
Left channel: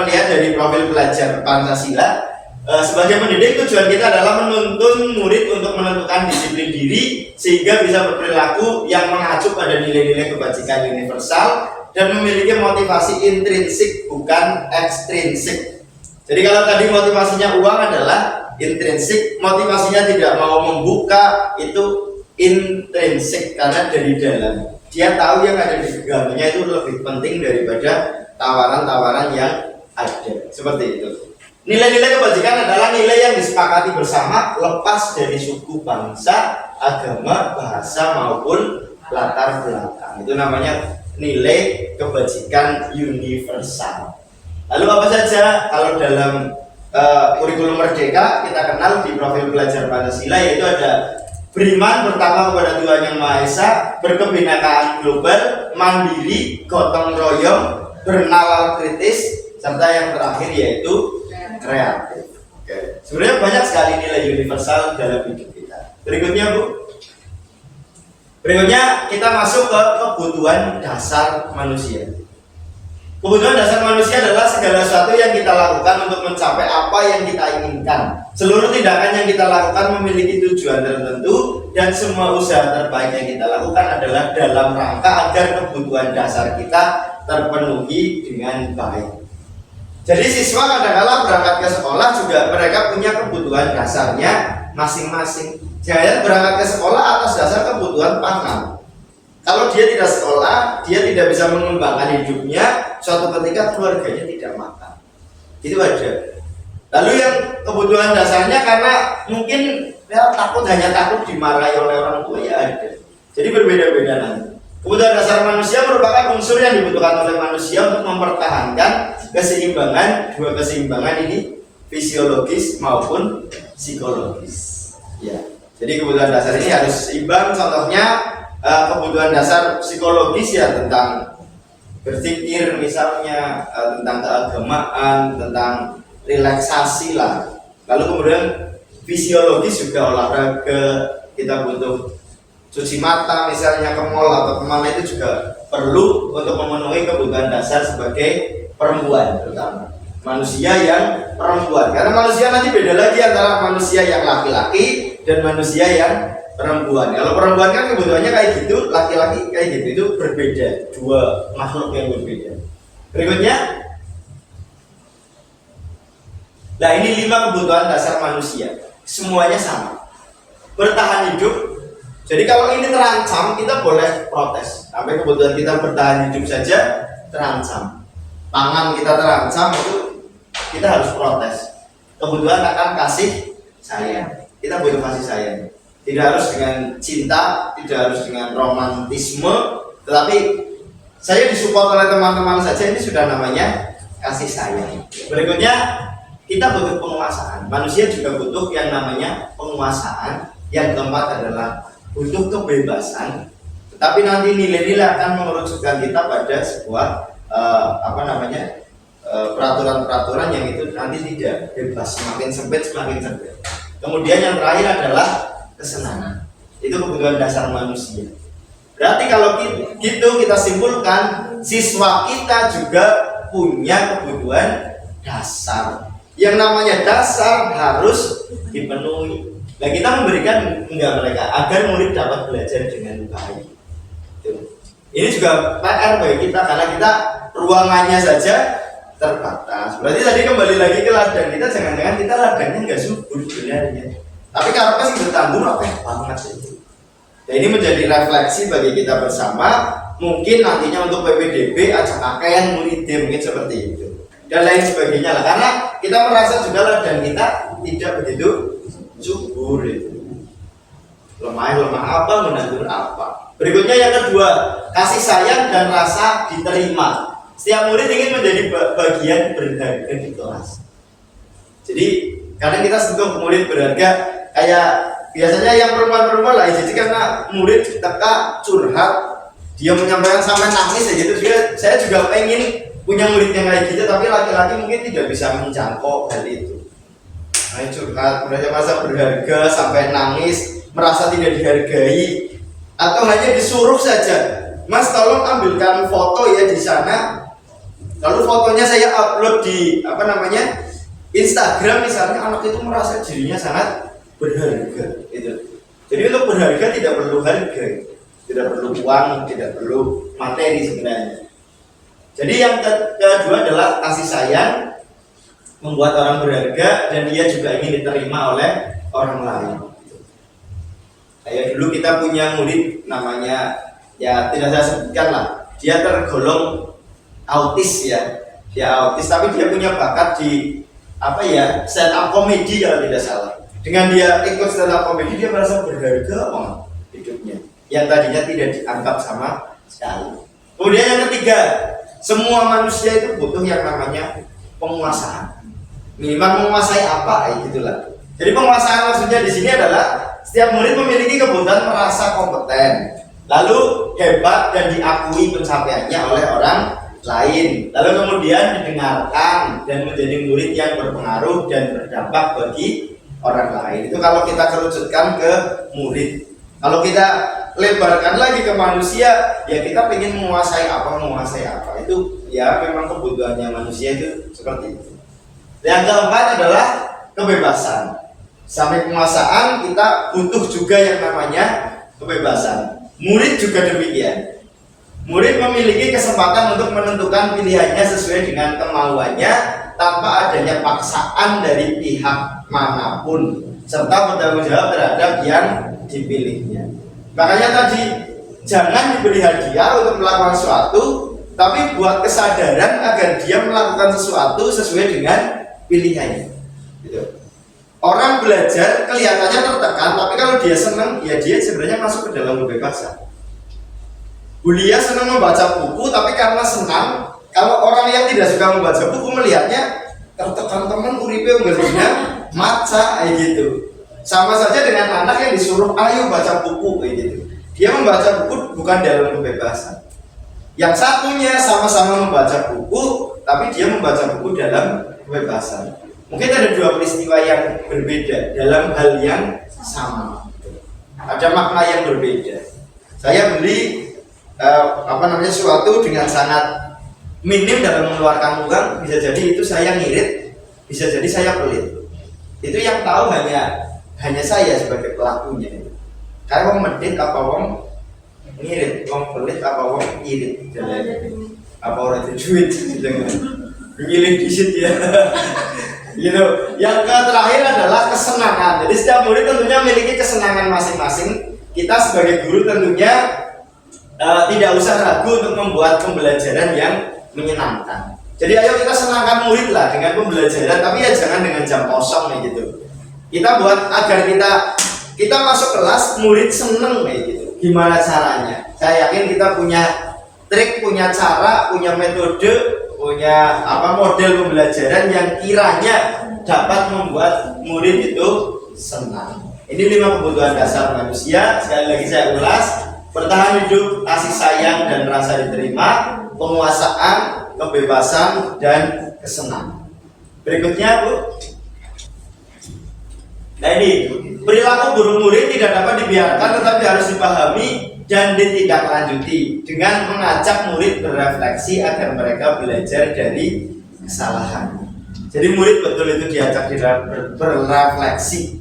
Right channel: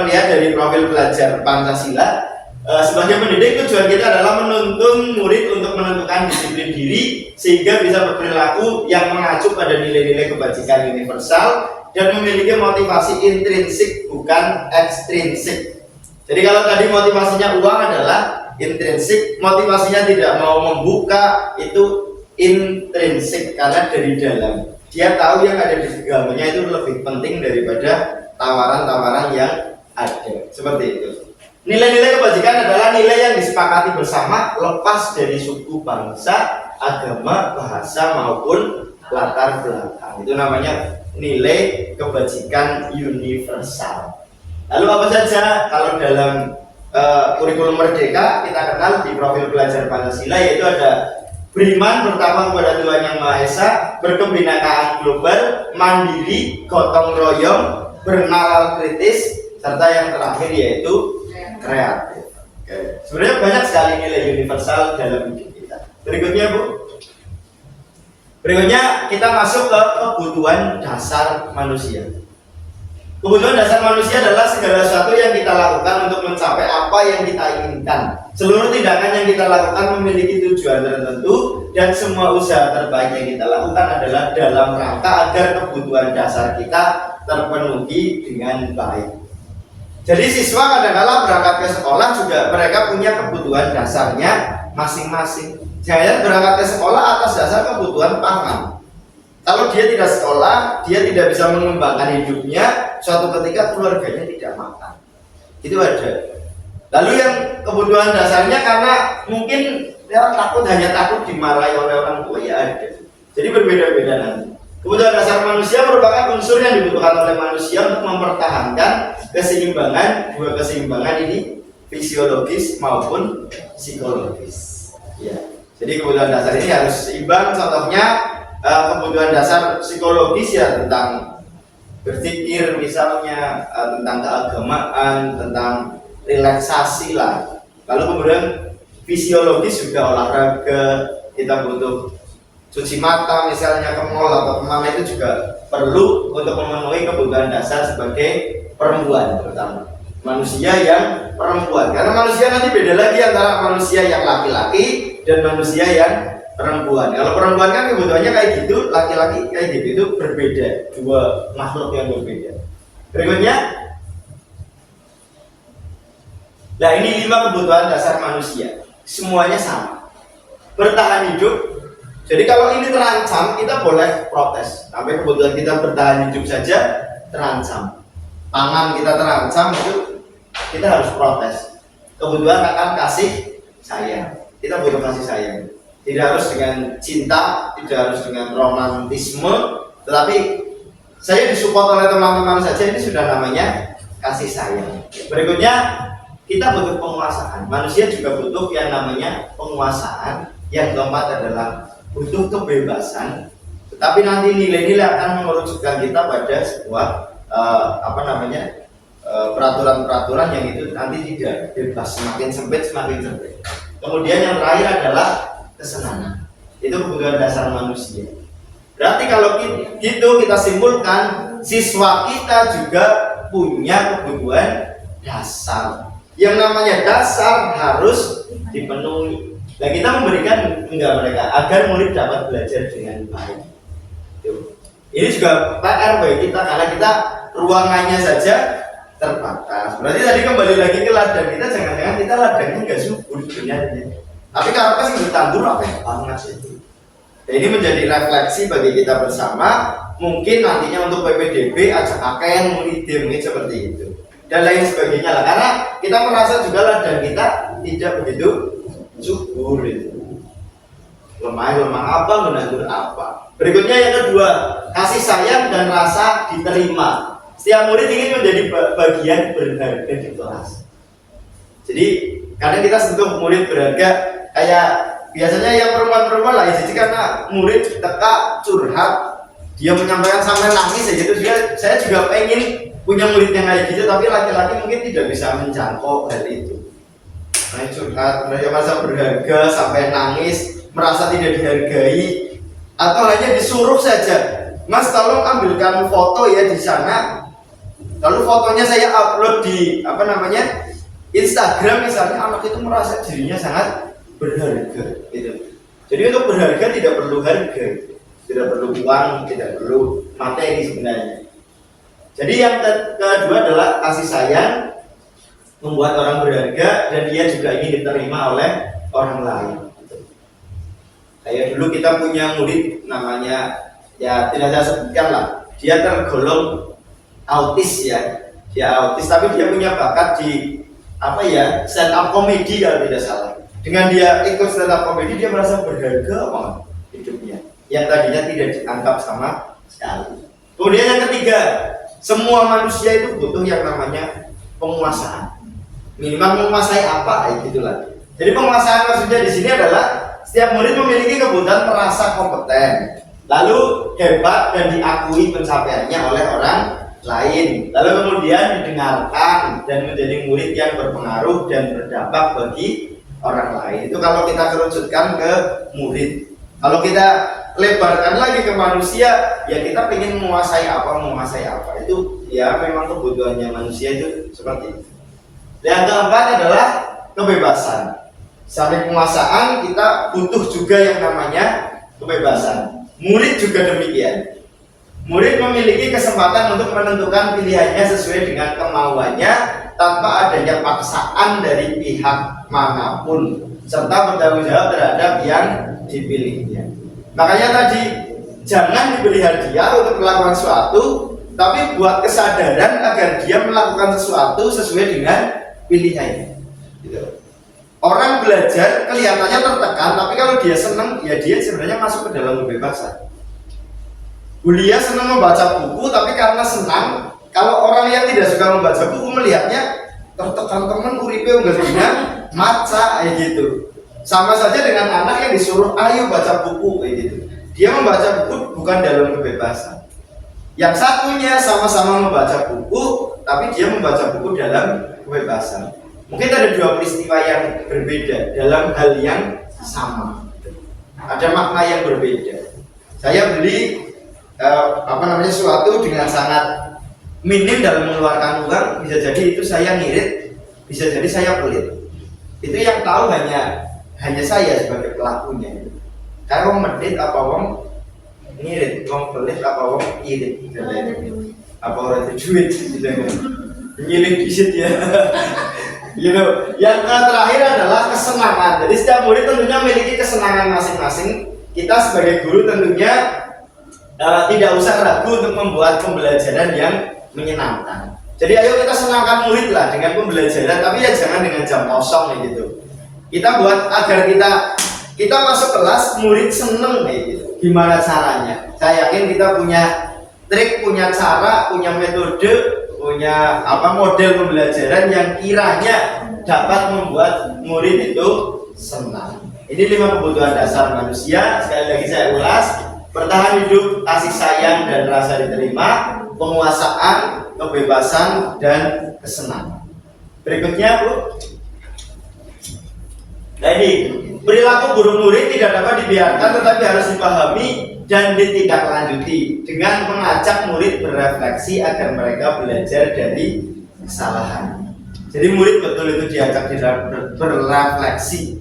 melihat dari profil pelajar Pancasila. Sebagai pendidik tujuan kita adalah menuntun murid untuk menentukan disiplin diri sehingga bisa berperilaku yang mengacu pada nilai-nilai kebajikan universal dan memiliki motivasi intrinsik bukan ekstrinsik. Jadi kalau tadi motivasinya uang adalah intrinsik, motivasinya tidak mau membuka itu intrinsik karena dari dalam. Dia tahu yang ada di genggamannya itu lebih penting daripada tawaran-tawaran yang ada. Seperti itu. Nilai-nilai kebajikan adalah nilai yang disepakati bersama lepas dari suku, bangsa, agama, bahasa maupun latar belakang. Itu namanya nilai kebajikan universal. Lalu apa saja kalau dalam kurikulum Merdeka kita kenal di profil pelajar Pancasila, yaitu ada beriman pertama kepada Tuhan Yang Maha Esa, berkebinekaan global, mandiri, gotong royong, bernalar kritis, serta yang terakhir yaitu kreatif. Oke. Sebenarnya banyak sekali nilai universal dalam hidup kita. Berikutnya Bu. Berikutnya kita masuk ke kebutuhan dasar manusia. Kebutuhan dasar manusia adalah segala sesuatu yang kita lakukan untuk mencapai apa yang kita inginkan. Seluruh tindakan yang kita lakukan memiliki tujuan tertentu, dan semua usaha terbaik yang kita lakukan adalah dalam rangka agar kebutuhan dasar kita terpenuhi dengan baik. Jadi siswa kadang-kadang berangkat ke sekolah juga mereka punya kebutuhan dasarnya masing-masing. Jangan berangkat ke sekolah atas dasar kebutuhan pangan. Kalau dia tidak sekolah, dia tidak bisa mengembangkan hidupnya, suatu ketika keluarganya tidak makan. Itu ada. Lalu yang kebutuhan dasarnya karena mungkin ya, hanya takut dimarahi oleh orang tua, ya ada. Jadi berbeda-beda nanti. Kebutuhan dasar manusia merupakan unsur yang dibutuhkan oleh manusia untuk mempertahankan keseimbangan, dua keseimbangan ini, fisiologis maupun psikologis. Ya. Jadi kebutuhan dasar ini harus seimbang. Contohnya kebutuhan dasar psikologis ya tentang berpikir misalnya, tentang keagamaan, tentang relaksasi lah. Lalu kemudian fisiologis juga olahraga, kita butuh cuci mata misalnya, ke mall atau kemana, itu juga perlu untuk memenuhi kebutuhan dasar sebagai perempuan, terutama manusia yang perempuan. Karena manusia nanti beda lagi antara manusia yang laki-laki dan manusia yang perempuan. Kalau perempuan kan kebutuhannya kayak gitu, laki-laki kayak gitu, itu berbeda, dua makhluk yang berbeda. Berikutnya, nah ini 5 kebutuhan dasar manusia, semuanya sama. Bertahan hidup. Jadi kalau ini terancam, kita boleh protes. Sampai kebutuhan kita bertahan hidup saja terancam. Pangan kita terancam, itu kita harus protes. Kebutuhan akan kasih sayang. Kita butuh kasih sayang. Tidak harus dengan cinta, tidak harus dengan romantisme, tetapi saya disupport oleh teman-teman saja, ini sudah namanya kasih sayang. Berikutnya, kita butuh penguasaan. Manusia juga butuh yang namanya penguasaan. Yang keempat adalah butuh kebebasan. Tetapi nanti nilai-nilai akan mengerucutkan kita pada sebuah peraturan-peraturan yang itu nanti tidak bebas, semakin sempit semakin sempit. Kemudian yang terakhir adalah kesenangan. Itu kebutuhan dasar manusia. Berarti kalau gitu kita simpulkan, siswa kita juga punya kebutuhan dasar. Yang namanya dasar harus dipenuhi. Dan kita memberikan enggak mereka agar murid dapat belajar dengan baik. Ini juga PR bagi kita karena kita ruangannya saja terbatas. Berarti tadi kembali lagi ke ladang kita, jangan-jangan kita ladangnya nggak subur sebenarnya. Tapi kalau pas itu tandur apa banget itu. Dan ini menjadi refleksi bagi kita bersama. Mungkin nantinya untuk PPDB ajak AKN muridnya mungkin seperti itu dan lain sebagainya lah. Karena kita merasa juga ladang kita tidak begitu subur itu. Lemah apa, menabur apa. Berikutnya yang kedua, kasih sayang dan rasa diterima. Setiap murid ingin menjadi bagian berharga di kelas. Jadi kadang kita sentuh murid berharga, kayak biasanya yang perempuan-perempuan lah. Jadi karena murid teka curhat, dia menyampaikan sampai nangis ya gitu. Saya juga pengen punya murid yang kayak gitu, tapi laki-laki mungkin tidak bisa menjangkau hal itu. Nah, curhat, mereka merasa berharga sampai nangis, merasa tidak dihargai, atau hanya disuruh saja, Mas tolong ambilkan foto ya di sana. Lalu fotonya saya upload di Instagram misalnya, anak itu merasa dirinya sangat berharga gitu. Jadi untuk berharga tidak perlu harga, tidak perlu uang, tidak perlu materi sebenarnya. Jadi yang kedua adalah kasih sayang, membuat orang berharga dan dia juga ingin diterima oleh orang lain. Kayak dulu kita punya murid namanya, ya tidak saya sebutkan lah, dia tergolong autis ya, dia autis tapi dia punya bakat di apa ya, stand up comedy kalau tidak salah. Dengan dia ikut stand up comedy dia merasa berharga banget hidupnya, yang tadinya tidak dianggap sama sekali. Kemudian yang ketiga, semua manusia itu butuh yang namanya penguasaan. Minimal menguasai apa, gitulah. Jadi penguasaan maksudnya di sini adalah setiap murid memiliki kebutuhan merasa kompeten, lalu hebat dan diakui pencapaiannya oleh orang lain, lalu kemudian didengarkan dan menjadi murid yang berpengaruh dan berdampak bagi orang lain. Itu kalau kita kerucutkan ke murid. Kalau kita lebarkan lagi ke manusia, ya kita ingin menguasai apa. Itu ya memang kebutuhannya manusia itu seperti itu. Yang keempat adalah kebebasan. Sampai penguasaan kita butuh juga yang namanya kebebasan. Murid juga demikian. Murid memiliki kesempatan untuk menentukan pilihannya sesuai dengan kemauannya tanpa adanya paksaan dari pihak manapun, serta bertanggung jawab terhadap yang dipilihnya. Makanya tadi jangan diberi hadiah untuk melakukan sesuatu, tapi buat kesadaran agar dia melakukan sesuatu sesuai dengan pilihannya. Gitu. Orang belajar kelihatannya tertekan, tapi kalau dia senang, ya dia sebenarnya masuk ke dalam kebebasan. Bulia senang membaca buku, tapi karena senang. Kalau orang yang tidak suka membaca buku melihatnya tertekan, teman uripe nggak maca gitu. Sama saja dengan anak yang disuruh ayo baca buku gitu. Dia membaca buku bukan dalam kebebasan. Yang satunya sama-sama membaca buku, tapi dia membaca buku dalam kebebasan. Mungkin ada dua peristiwa yang berbeda dalam hal yang sama. Ada makna yang berbeda. Saya beli sesuatu dengan sangat minim dalam mengeluarkan uang, bisa jadi itu saya ngirit, bisa jadi saya pelit. Itu yang tahu hanya saya sebagai pelakunya. Kayak wong medit apa wong ngirit, wong pelit apa wong irit. Apa orang itu duit? Ngilih disit ya. Gitu. Yang terakhir adalah kesenangan. Jadi setiap murid tentunya memiliki kesenangan masing-masing. Kita sebagai guru tentunya tidak usah ragu untuk membuat pembelajaran yang menyenangkan. Jadi ayo kita senangkan murid lah dengan pembelajaran, tapi ya jangan dengan jam kosong gitu. Kita buat agar kita masuk kelas murid seneng kayak gitu. Gimana caranya? Saya yakin kita punya trik, punya cara, punya metode, punya model pembelajaran yang kiranya dapat membuat murid itu senang. Ini 5 kebutuhan dasar manusia. Sekali lagi saya ulas: bertahan hidup, kasih sayang dan rasa diterima, penguasaan, kebebasan dan kesenangan. Berikutnya Bu. Nah ini, perilaku buruk murid tidak dapat dibiarkan, tetapi harus dipahami dan ditindaklanjuti dengan mengajak murid berefleksi agar mereka belajar dari kesalahan. Jadi murid betul itu diajak berefleksi.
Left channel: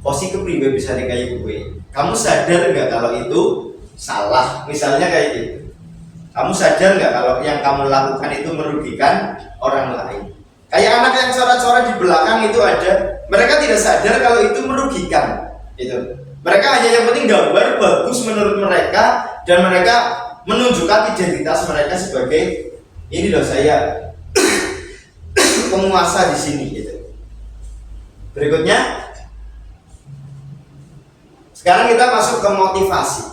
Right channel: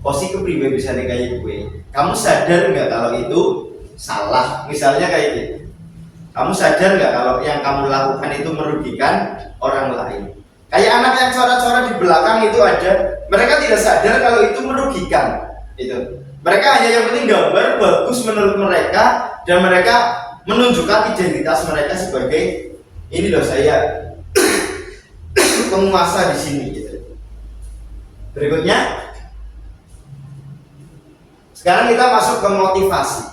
Osi kepriwe bisa nih kayak gue. Kamu sadar nggak kalau itu salah? Misalnya kayak gitu. Kamu sadar nggak kalau yang kamu lakukan itu merugikan orang lain? Kayak anak yang coret-coret di belakang itu ada. Mereka tidak sadar kalau itu merugikan. Itu. Mereka hanya yang penting gambar bagus menurut mereka, dan mereka menunjukkan identitas mereka sebagai ini loh saya penguasa di sini gitu. Berikutnya, sekarang kita masuk ke motivasi.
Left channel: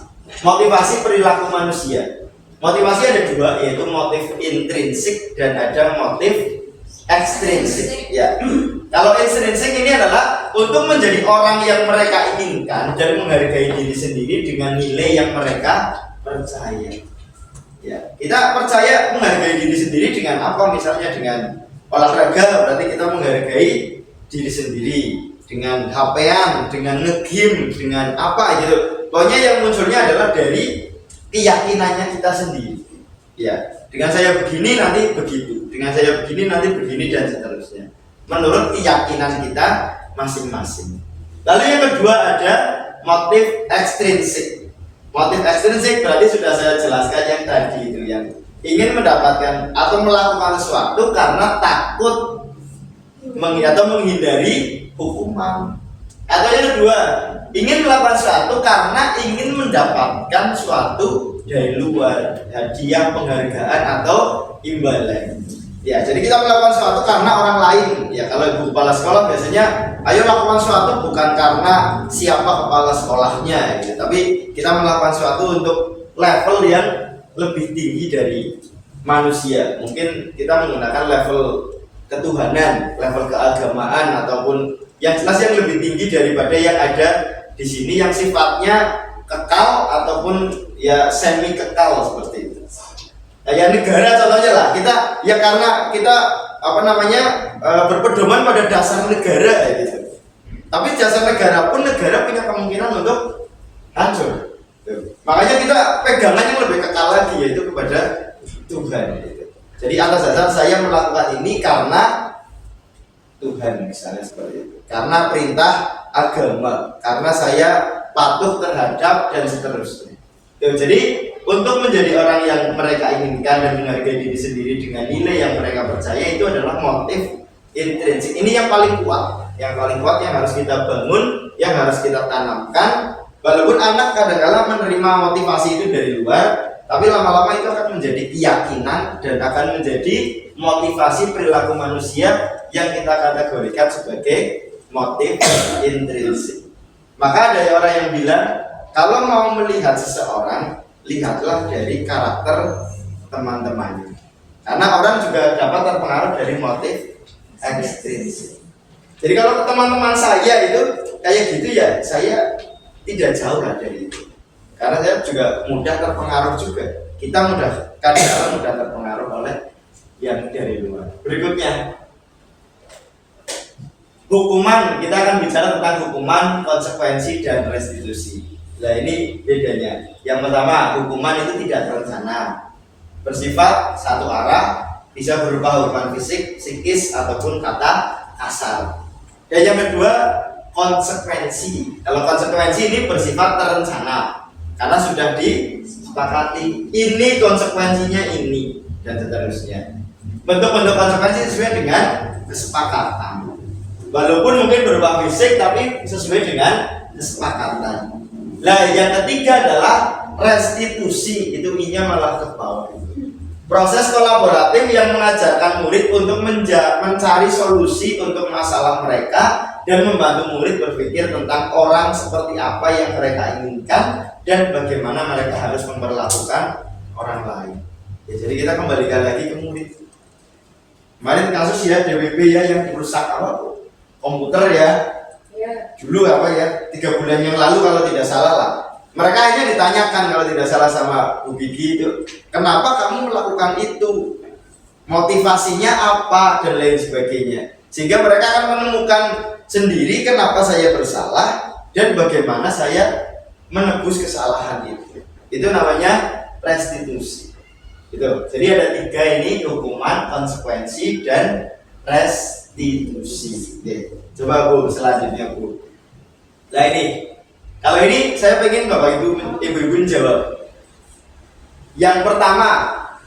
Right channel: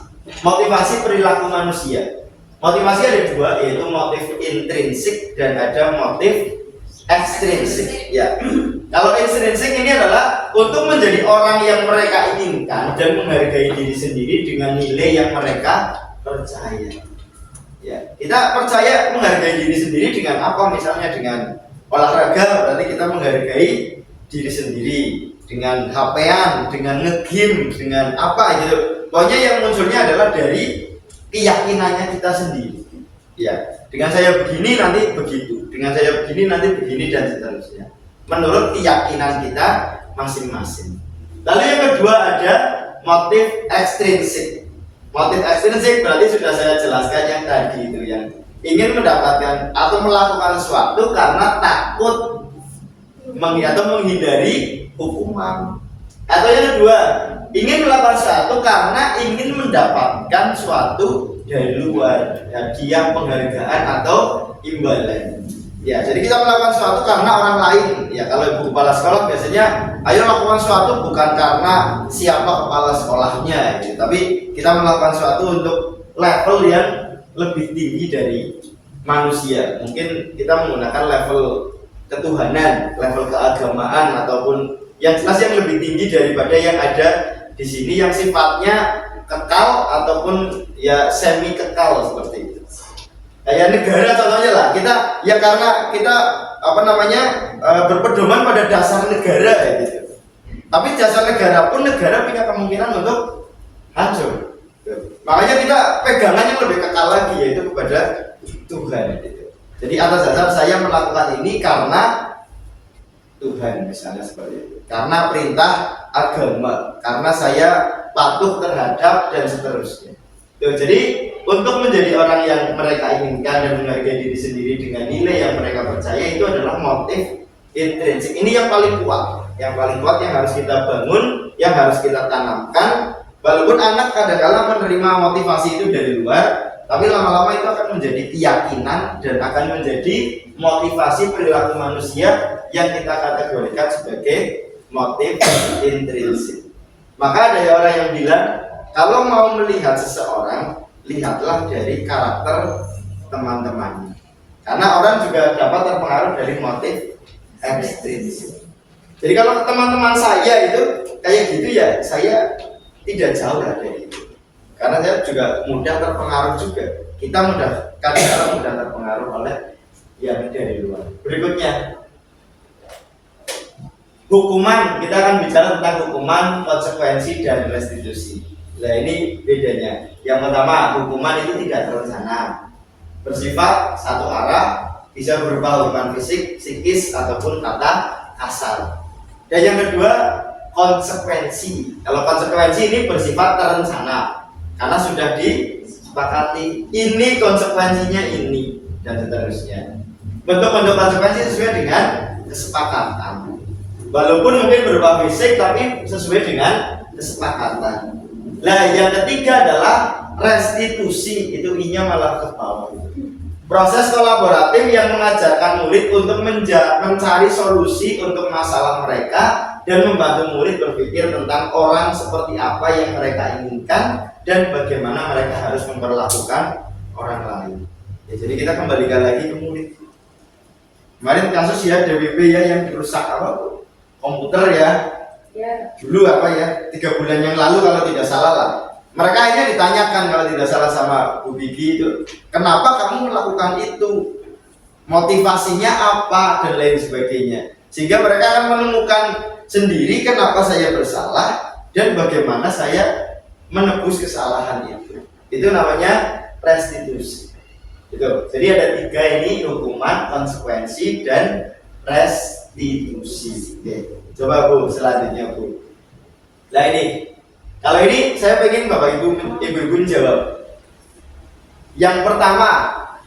Motivasi perilaku manusia. Motivasi ada 2, yaitu motif intrinsik dan ada motif ekstrinsik. Ya. Kalau intrinsik ini adalah untuk menjadi orang yang mereka inginkan dan menghargai diri sendiri dengan nilai yang mereka percaya. Ya, kita percaya menghargai diri sendiri dengan apa? Misalnya dengan olahraga, berarti kita menghargai diri sendiri. Dengan HP-an, dengan nge-game, dengan apa gitu. Pokoknya yang munculnya adalah dari keyakinannya kita sendiri. Ya, dengan saya begini nanti begitu, dengan saya begini nanti begini dan seterusnya. Menurut keyakinan kita masing-masing. Lalu yang kedua ada motif ekstrinsik. Motif ekstrinsik berarti sudah saya jelaskan yang tadi itu, yang ingin mendapatkan atau melakukan sesuatu karena takut atau menghindari hukuman. Atau yang kedua, ingin melakukan sesuatu karena ingin mendapatkan suatu dari luar, hadiah, penghargaan atau imbalan. Ya, jadi kita melakukan sesuatu karena orang lain. Ya, kalau ibu kepala sekolah biasanya, ayo lakukan sesuatu bukan karena siapa kepala sekolahnya, gitu. Tapi kita melakukan sesuatu untuk level yang lebih tinggi dari manusia. Mungkin kita menggunakan level ketuhanan, level keagamaan, ataupun yang jelas yang lebih tinggi daripada yang ada di sini yang sifatnya kekal ataupun ya semi kekal seperti itu. Kayak negara contohnya lah, kita ya karena kita berpedoman pada dasar negara ya gitu. Tapi dasar negara pun negara punya kemungkinan untuk hancur. Makanya kita pegangannya lebih kekal lagi yaitu kepada Tuhan gitu. Jadi atas dasar saya melakukan ini karena Tuhan misalnya seperti itu. Karena perintah agama, karena saya patuh terhadap dan seterusnya. Jadi untuk menjadi orang yang mereka inginkan dan menghargai diri sendiri dengan nilai yang mereka percaya itu adalah motif intrinsik. Ini yang paling kuat, yang harus kita bangun, yang harus kita tanamkan. Walaupun anak kadang-kala menerima motivasi itu dari luar, tapi lama-lama itu akan menjadi keyakinan dan akan menjadi motivasi perilaku manusia yang kita kategorikan sebagai motif intrinsik. Maka ada orang yang bilang, kalau mau melihat seseorang, lihatlah dari karakter teman-temannya. Karena orang juga dapat terpengaruh dari motif ekstrinsik. Jadi kalau teman-teman saya itu kayak gitu ya, saya tidak jauh dari itu. Karena saya juga mudah terpengaruh juga. Kita kadang-kadang mudah terpengaruh oleh yang dari luar. Berikutnya, hukuman. Kita akan bicara tentang hukuman, konsekuensi, dan restitusi. Nah ini bedanya. Yang pertama, hukuman itu tidak terencana, bersifat satu arah, bisa berupa hukuman fisik, psikis, ataupun kata kasar. Dan yang kedua, konsekuensi. Kalau konsekuensi ini bersifat terencana, karena sudah disepakati. Ini konsekuensinya ini, dan seterusnya. Bentuk-bentuk konsekuensi sesuai dengan kesepakatan. Walaupun mungkin berupa fisik, tapi sesuai dengan kesepakatan. Nah, yang ketiga adalah restitusi. Itu I-nya malah ke bawah. Proses kolaboratif yang mengajarkan murid untuk mencari solusi untuk masalah mereka dan membantu murid berpikir tentang orang seperti apa yang mereka inginkan dan bagaimana mereka harus memperlakukan orang lain. Ya, jadi kita kembalikan lagi ke murid. Kemarin kasus ya DWP ya yang dirusak komputer ya. Dulu 3 bulan yang lalu kalau tidak salah lah. Mereka akhirnya ditanyakan kalau tidak salah sama Bu Gigi itu, kenapa kamu melakukan itu? Motivasinya apa dan lain sebagainya. Sehingga mereka akan menemukan sendiri kenapa saya bersalah dan bagaimana saya menebus kesalahan itu. Itu namanya restitusi. Itu. Jadi ada 3 ini, hukuman, konsekuensi, dan restitusi. Oke. Coba Bu, selanjutnya Bu. Nah ini, kalau ini saya pengen Bapak Ibu jawab. Yang pertama,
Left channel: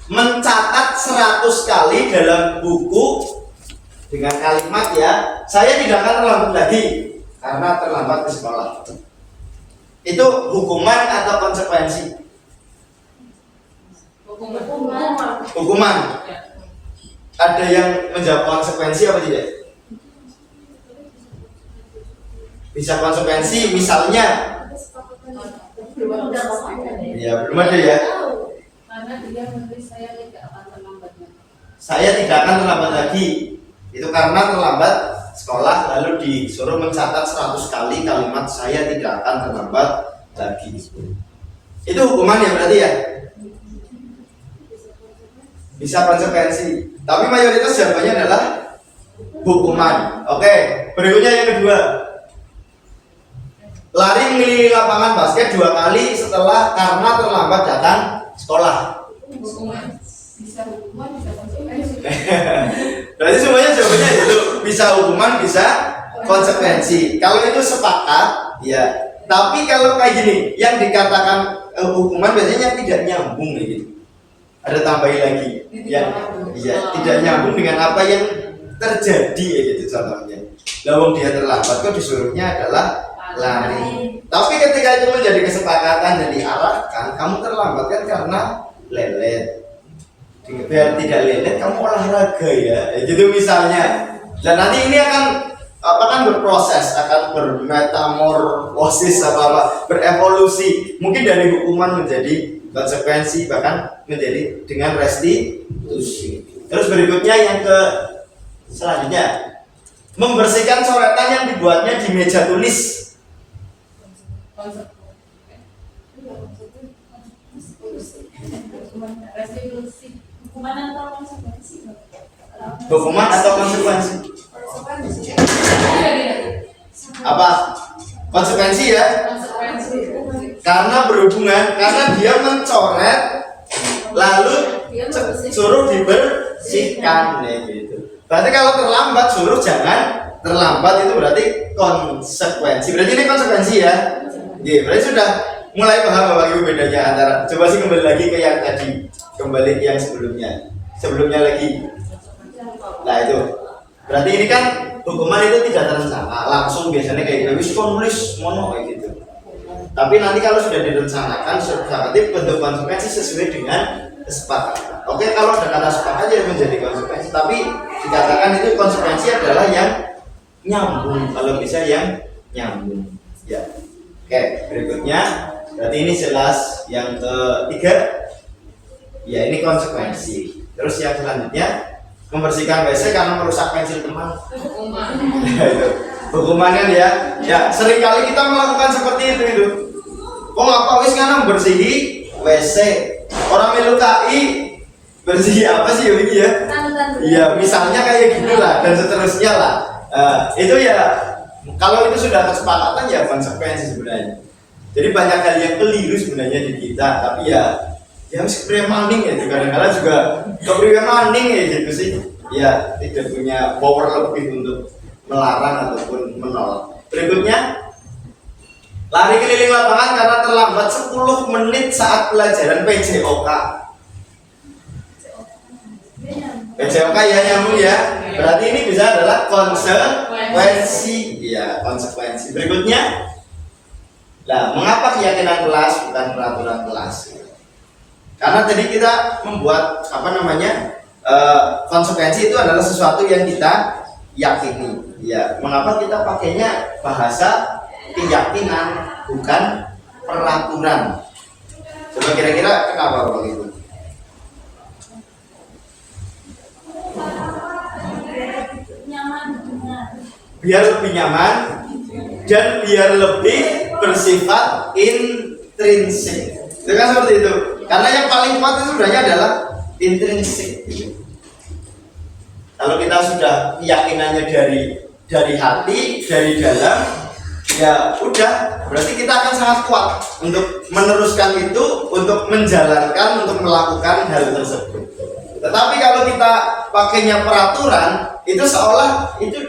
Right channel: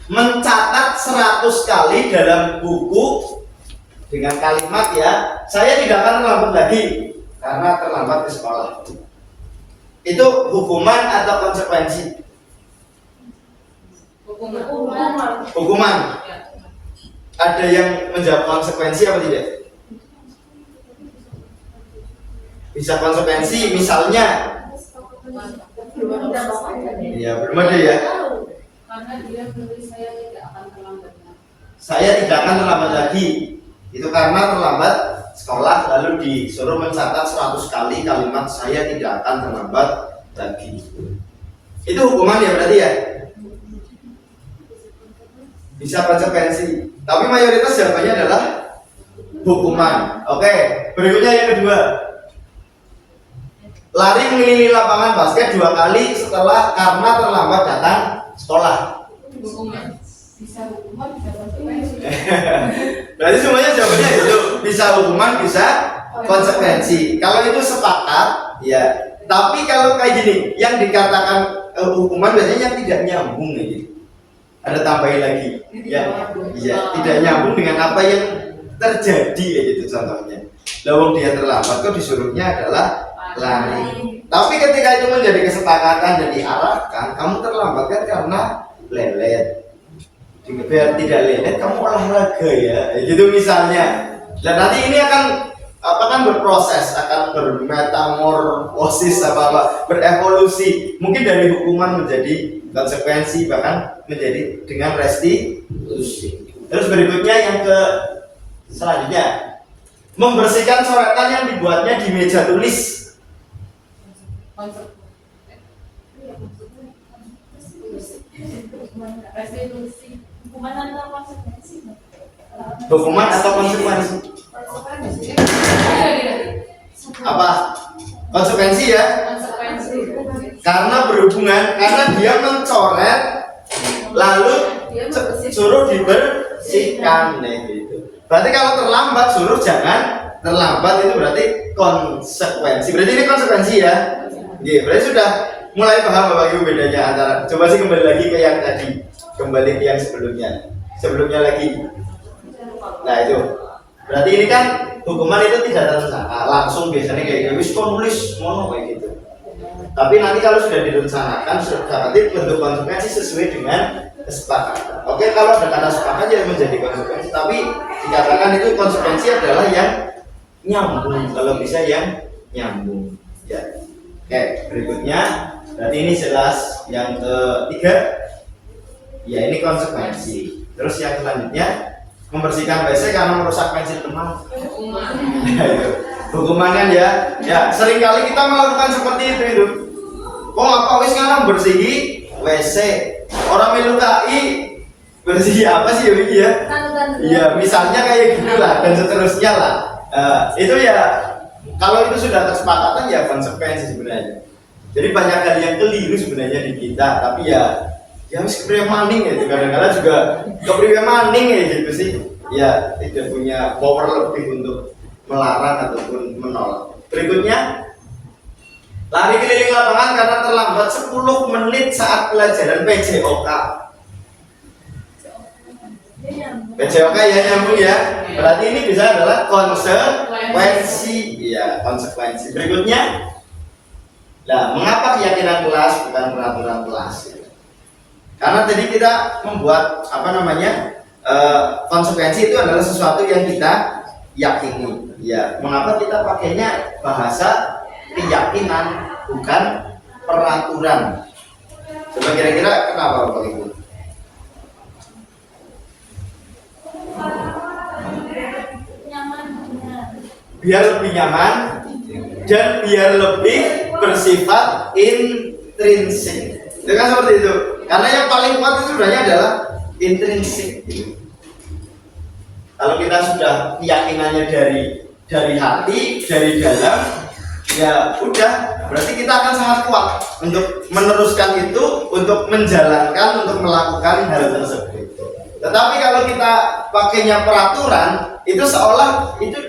mencatat 100 kali dalam buku dengan kalimat ya, saya tidak akan terlambat lagi karena terlambat ke sekolah. Itu hukuman atau konsekuensi? Hukuman. Ada yang menjawab konsekuensi apa tidak? Bisa konsekuensi misalnya ya belum ada ya, karena dia menulis saya tidak akan terlambat lagi. Saya tidak akan terlambat lagi itu karena terlambat sekolah, lalu disuruh mencatat 100 kali kalimat saya tidak akan terlambat lagi. Itu hukuman ya berarti ya, bisa konsekuensi, tapi mayoritas jawabannya adalah hukuman. Oke, berikutnya yang kedua, lari mengelilingi lapangan basket 2 kali setelah karena terlambat datang sekolah. Hukuman. Bisa hukuman, bisa konsekuensi. Berarti semuanya jawabannya itu, bisa hukuman, bisa konsekuensi. Kalau itu sepakat, ya. Tapi kalau kayak gini, yang dikatakan hukuman biasanya tidak nyambung gitu. Ada tambahin lagi, ya, iya, tidak nyambung dengan apa yang terjadi gitu contohnya. Lawang dia terlambat, kok disuruhnya adalah lari. Tapi ketika itu menjadi kesepakatan dan diarahkan, kamu terlambat kan karena lelet. Biar tidak lelet, kamu olahraga ya, gitu misalnya. Dan nanti ini akan berproses, akan bermetamorfosis berevolusi. Mungkin dari hukuman menjadi konsekuensi, bahkan menjadi dengan restitusi. Terus berikutnya yang selanjutnya, membersihkan coretan yang dibuatnya di meja tulis. Restitusi. Hukuman atau konsekuensi? Hukuman atau konsekuensi? Apa? Konsekuensi ya? Konsekuensi. Karena berhubungan, karena dia mencoret lalu suruh dibersihkan gitu. Berarti kalau terlambat suruh jangan terlambat, itu berarti konsekuensi. Berarti ini konsekuensi ya. Iya, berarti sudah mulai paham Bapak Ibu bedanya antara. Coba sih kembali lagi ke yang tadi, kembali ke yang sebelumnya lagi. Nah itu, berarti ini kan hukuman itu tidak terencana, langsung biasanya kayak wis nulis mono kayak gitu. Tapi nanti kalau sudah direncanakan, sudah nanti bentuk konsekuensi sesuai dengan kesepakatan. Oke, kalau ada kata sepakat jadi menjadi konsekuensi, tapi dikatakan itu konsekuensi adalah yang nyambung, kalau bisa yang nyambung. Ya. Oke, berikutnya, berarti ini jelas. Yang ketiga, ya ini konsekuensi. Terus yang selanjutnya, membersihkan WC karena merusak pensil teman. Hukuman. Hukuman kan ya, seringkali kita melakukan seperti itu. Kok apa wis ngana bersihi WC? Orang melukai bersih apa sih ini ya? Iya, misalnya kayak gitu lah dan seterusnya lah. Itu ya kalau itu sudah kesepakatan ya konsekuensi sebenarnya. Jadi banyak hal yang keliru sebenarnya di kita, tapi ya harus maning ya, kadang-kadang juga kepriwe maning ya gitu sih. Ya tidak punya power lebih untuk melarang ataupun menolak. Berikutnya, lari keliling lapangan karena terlambat 10 menit saat pelajaran PJOK. PJOK ya nyambung ya. Berarti ini bisa adalah konsekuensi. Iya, konsekuensi. Berikutnya, nah, mengapa keyakinan kelas bukan peraturan kelas? Karena tadi kita membuat konsekuensi itu adalah sesuatu yang kita yakini. Ya, mengapa kita pakainya bahasa keyakinan bukan peraturan? Coba kira-kira kenapa Bapak Ibu? Nyaman, benar. Biar lebih nyaman dan biar lebih bersifat intrinsik. Itu kan seperti itu. Karena yang paling kuat itu sebenarnya adalah intrinsik. Kalau kita sudah keyakinannya dari hati, dari dalam, ya udah, berarti kita akan sangat kuat untuk meneruskan itu, untuk menjalankan, untuk melakukan hal tersebut. Tetapi kalau kita pakainya peraturan, itu seolah itu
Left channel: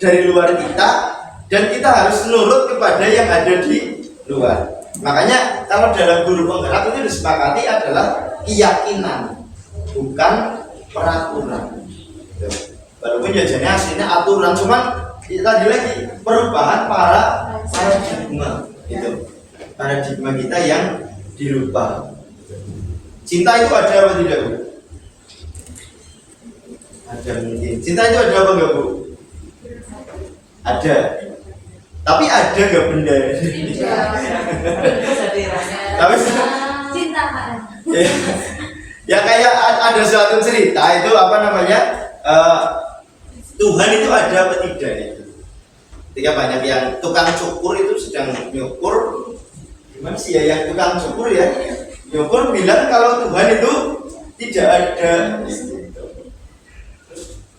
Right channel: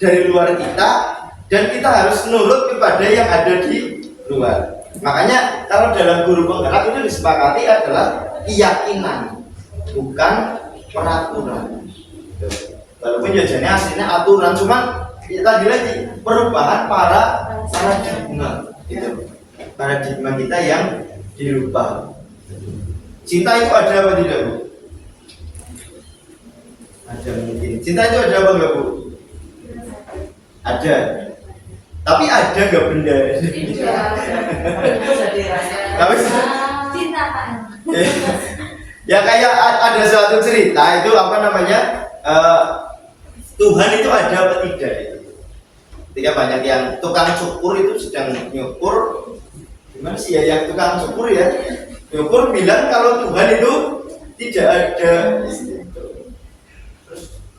dari luar kita, dan kita harus nurut kepada yang ada di luar. Makanya kalau dalam guru penggerak itu disepakati adalah keyakinan, bukan peraturan. Walaupun jajannya aslinya aturan, cuman tadi lagi perubahan paradigma itu, paradigma kita yang dirubah. Cinta itu ada apa tidak Bu? Ada mungkin. Cinta itu ada apa enggak Bu? Ada. Tapi ada nggak benda? Tapi Cinta Pak. ya kayak ada suatu cerita itu Tuhan itu ada apa tidak itu? Ketika banyak yang tukang cukur itu sedang nyukur, gimana sih ya yang tukang cukur ya? Nyukur bilang kalau Tuhan itu tidak ada.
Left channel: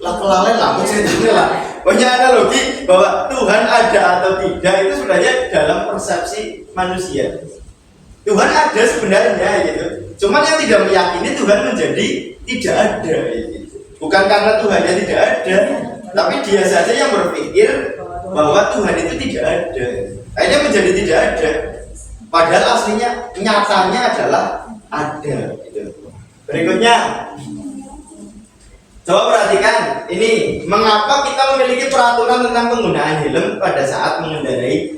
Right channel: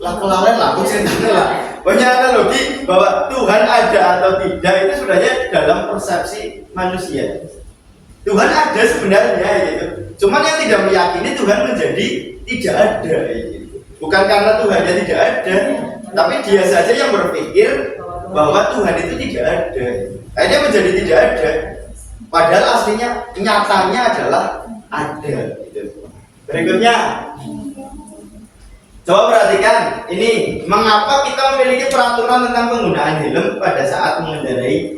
Lah kelalen lah ceritanya lah. Punya analogi bahwa Tuhan ada atau tidak itu sebenarnya dalam persepsi manusia. Tuhan ada sebenarnya gitu. Cuman yang tidak meyakini Tuhan menjadi tidak ada gitu. Bukan karena Tuhannya tidak ada, tapi dia saja yang berpikir bahwa Tuhan itu tidak ada. Akhirnya menjadi tidak ada. Padahal aslinya nyatanya adalah ada gitu. Berikutnya, coba perhatikan ini, mengapa kita memiliki peraturan tentang penggunaan helm pada saat mengendarai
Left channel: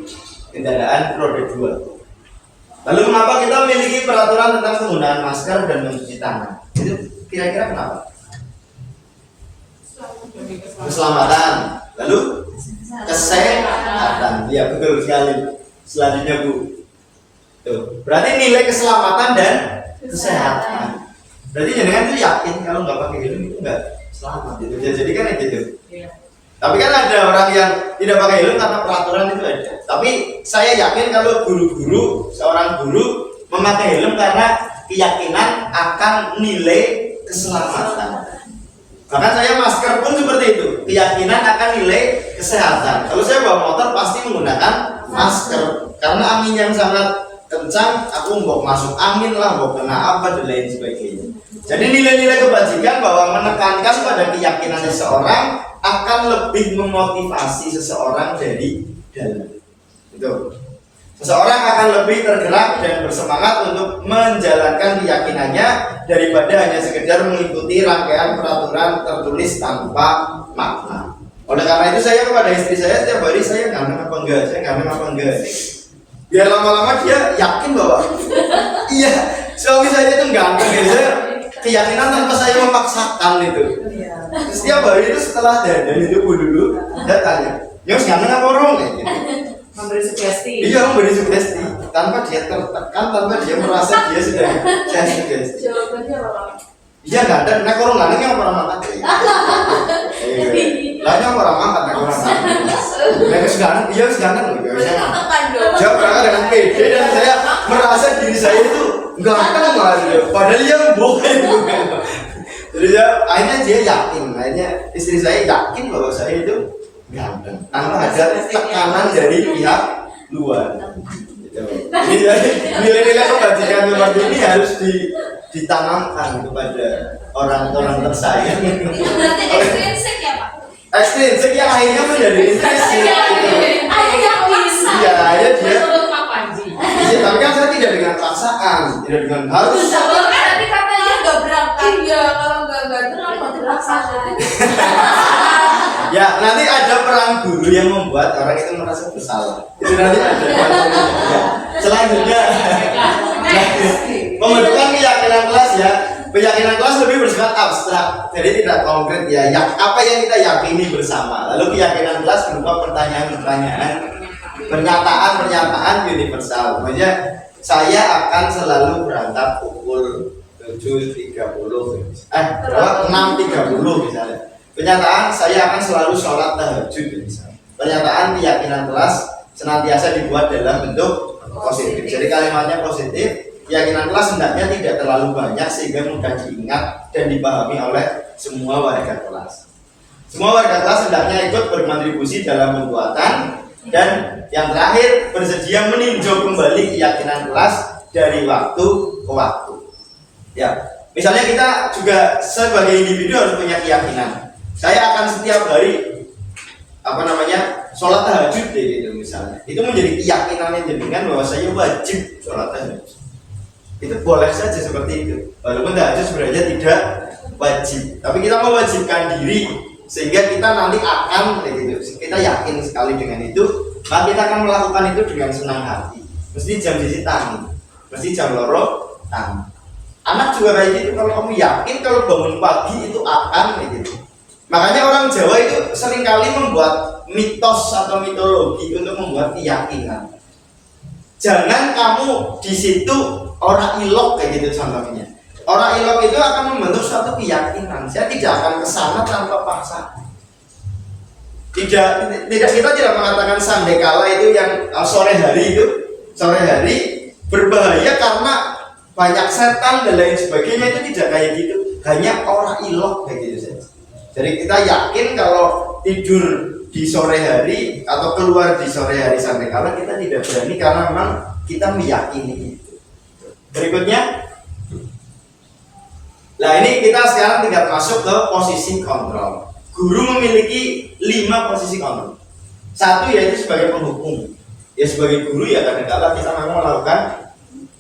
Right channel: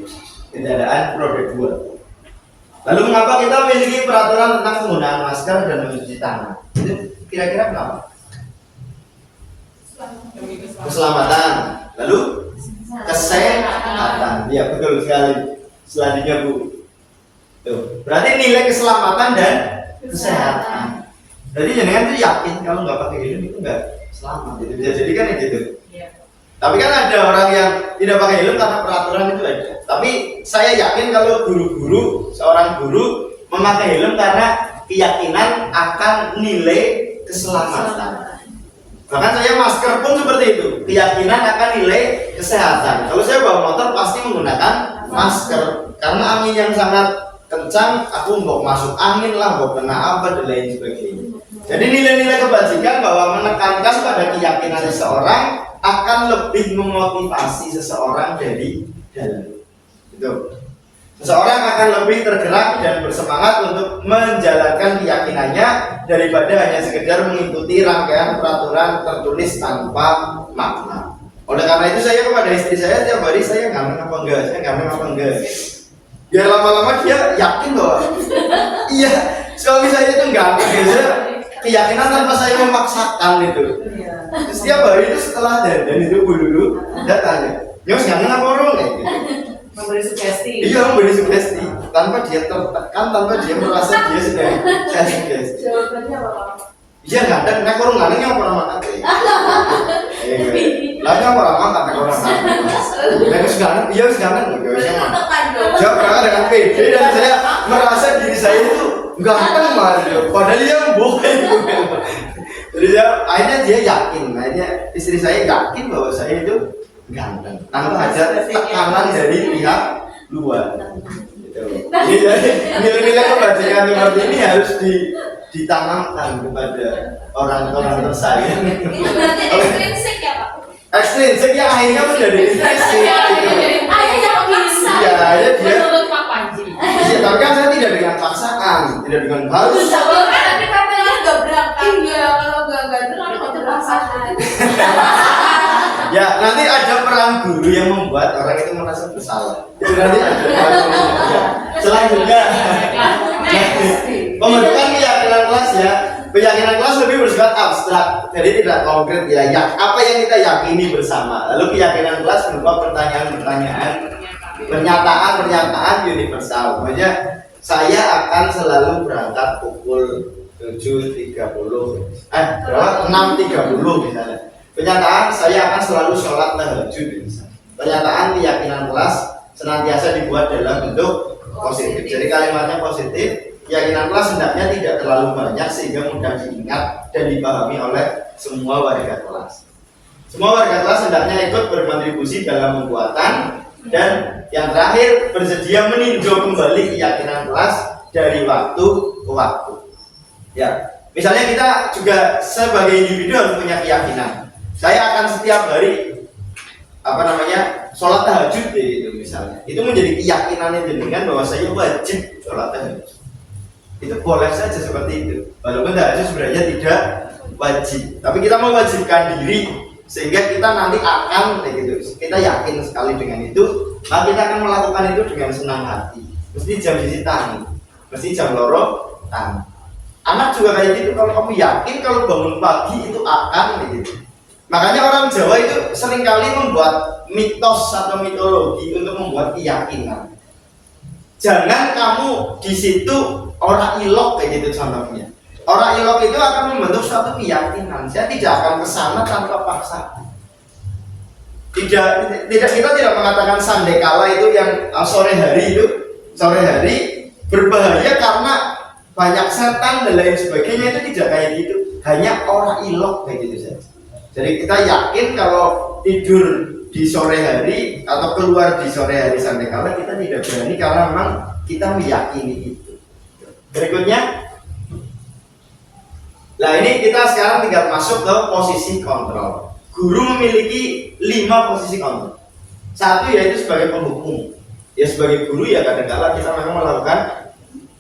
Kendaraan roda 2. Lalu mengapa kita memiliki peraturan tentang penggunaan masker dan mencuci tangan? Itu kira-kira kenapa? Keselamatan. Lalu kesehatan. Ya betul sekali. Selanjutnya Bu. Tuh, berarti nilai keselamatan dan kesehatan. Berarti jenengan tuh yakin kalau nggak pakai helm itu nggak selamat. Itu bisa jadi kan gitu. Iya. Tapi kan ada orang yang tidak pakai helm karena peraturan itu ada. Tapi saya yakin kalau seorang guru memakai helm karena keyakinan akan nilai keselamatan. Bahkan saya masker pun seperti itu, keyakinan akan nilai kesehatan. Kalau saya bawa motor pasti menggunakan masker karena angin yang sangat kencang, aku mau masuk angin lah, mau kena apa dan lain sebagainya. Jadi nilai-nilai kebajikan bahwa menekankan pada keyakinan seseorang akan lebih memotivasi seseorang dari dalam. Itu. Seseorang akan lebih tergerak dan bersemangat untuk menjalankan keyakinannya daripada hanya sekedar mengikuti rangkaian peraturan tertulis tanpa makna. Oleh karena itu saya kepada istri saya setiap hari saya ganteng apa enggak, biar lama-lama dia yakin bahwa iya suami saya itu ganteng ya, saya keyakinan tanpa saya memaksakan itu. Setiap hari itu setelah dandan itu dulu dia tanya, "Yos ganteng apa orang?" kayak gitu. Memberi sugesti. Iya, memberi sugesti tanpa dia tertekan, tanpa dia merasa dia sudah saya sugesti. Jawabannya apa? Iya ganteng, nah orang ganteng yang pernah makan kayak gitu. Lainnya pernah makan ya orang ganteng. Nah seganteng, iya seganteng loh. Dia pernah dengan pede dan saya merasa diri saya itu ganteng banget. Padahal dia bohong. Jadi akhirnya dia yakin, akhirnya istri saya yakin bahwa saya itu ganteng tanpa ada tekanan dari pihak luar. Jadi nilai-nilai kebajikan seperti ini harus ditanamkan kepada orang-orang tersayang. Itu berarti ekstrinsik ya Pak? Ekstrinsik yang akhirnya menjadi intrinsik. Akhirnya memaksa. Iya, akhirnya dia. Menurut Pak Panji. Iya, tapi kan saya tidak dengan paksaan, tidak dengan harus. Tapi katanya nggak berangkat. Iya, kalau nggak ganteng apa terpaksa. Ya, nanti ada peran guru yang membuat orang itu merasa bersalah. Itu nanti ada. Selanjutnya, pembentukan keyakinan kelas ya. Keyakinan kelas lebih bersifat abstrak, jadi tidak konkret ya. Apa yang kita yakini bersama. Lalu keyakinan kelas berupa pertanyaan-pertanyaan, pernyataan-pernyataan universal. Maksudnya saya akan selalu berangkat pukul 7.30, berapa? 6.30 misalnya. Pernyataan saya akan selalu sholat tahajud misalnya. Pernyataan keyakinan kelas senantiasa dibuat dalam bentuk positif. Jadi kalimatnya positif. Keyakinan kelas hendaknya tidak terlalu banyak sehingga mudah diingat dan dipahami oleh semua warga kelas. Semua warga kelas hendaknya ikut berkontribusi dalam pembuatan dan yang terakhir bersedia meninjau kembali keyakinan kelas dari waktu ke waktu. Ya, misalnya kita juga sebagai individu harus punya keyakinan. Saya akan setiap hari sholat tahajud deh gitu misalnya. Itu menjadi keyakinannya jenengan bahwa saya wajib sholat tahajud. Itu boleh saja seperti itu. Walaupun tahajud sebenarnya tidak wajib, tapi kita mewajibkan diri sehingga kita nanti akan kayak gitu. Kita yakin sekali dengan itu, maka kita akan melakukan itu dengan senang hati. Mesti jam sisi tangi, mesti jam loro tangi. Anak juga kayak gitu. Kalau kamu yakin kalau bangun pagi itu akan kayak gitu. Makanya orang Jawa itu seringkali membuat mitos atau mitologi untuk membuat keyakinan. Jangan kamu di situ orang ilok kayak gitu contohnya. Orang ilok itu akan membentuk suatu keyakinan. Saya tidak akan kesana tanpa paksaan. Tidak kita tidak mengatakan sandekala itu yang sore hari berbahaya karena banyak setan dan lain sebagainya, itu tidak kayak gitu. Hanya orang ilok kayak gitu saja. Jadi kita yakin kalau tidur di sore hari atau keluar di sore hari sandekala kita tidak berani karena memang kita meyakini itu. Berikutnya, nah ini kita sekarang tinggal masuk ke posisi kontrol. Guru memiliki 5 posisi kontrol. Satu yaitu sebagai penghukum. Ya sebagai guru ya kadang-kadang kita memang melakukan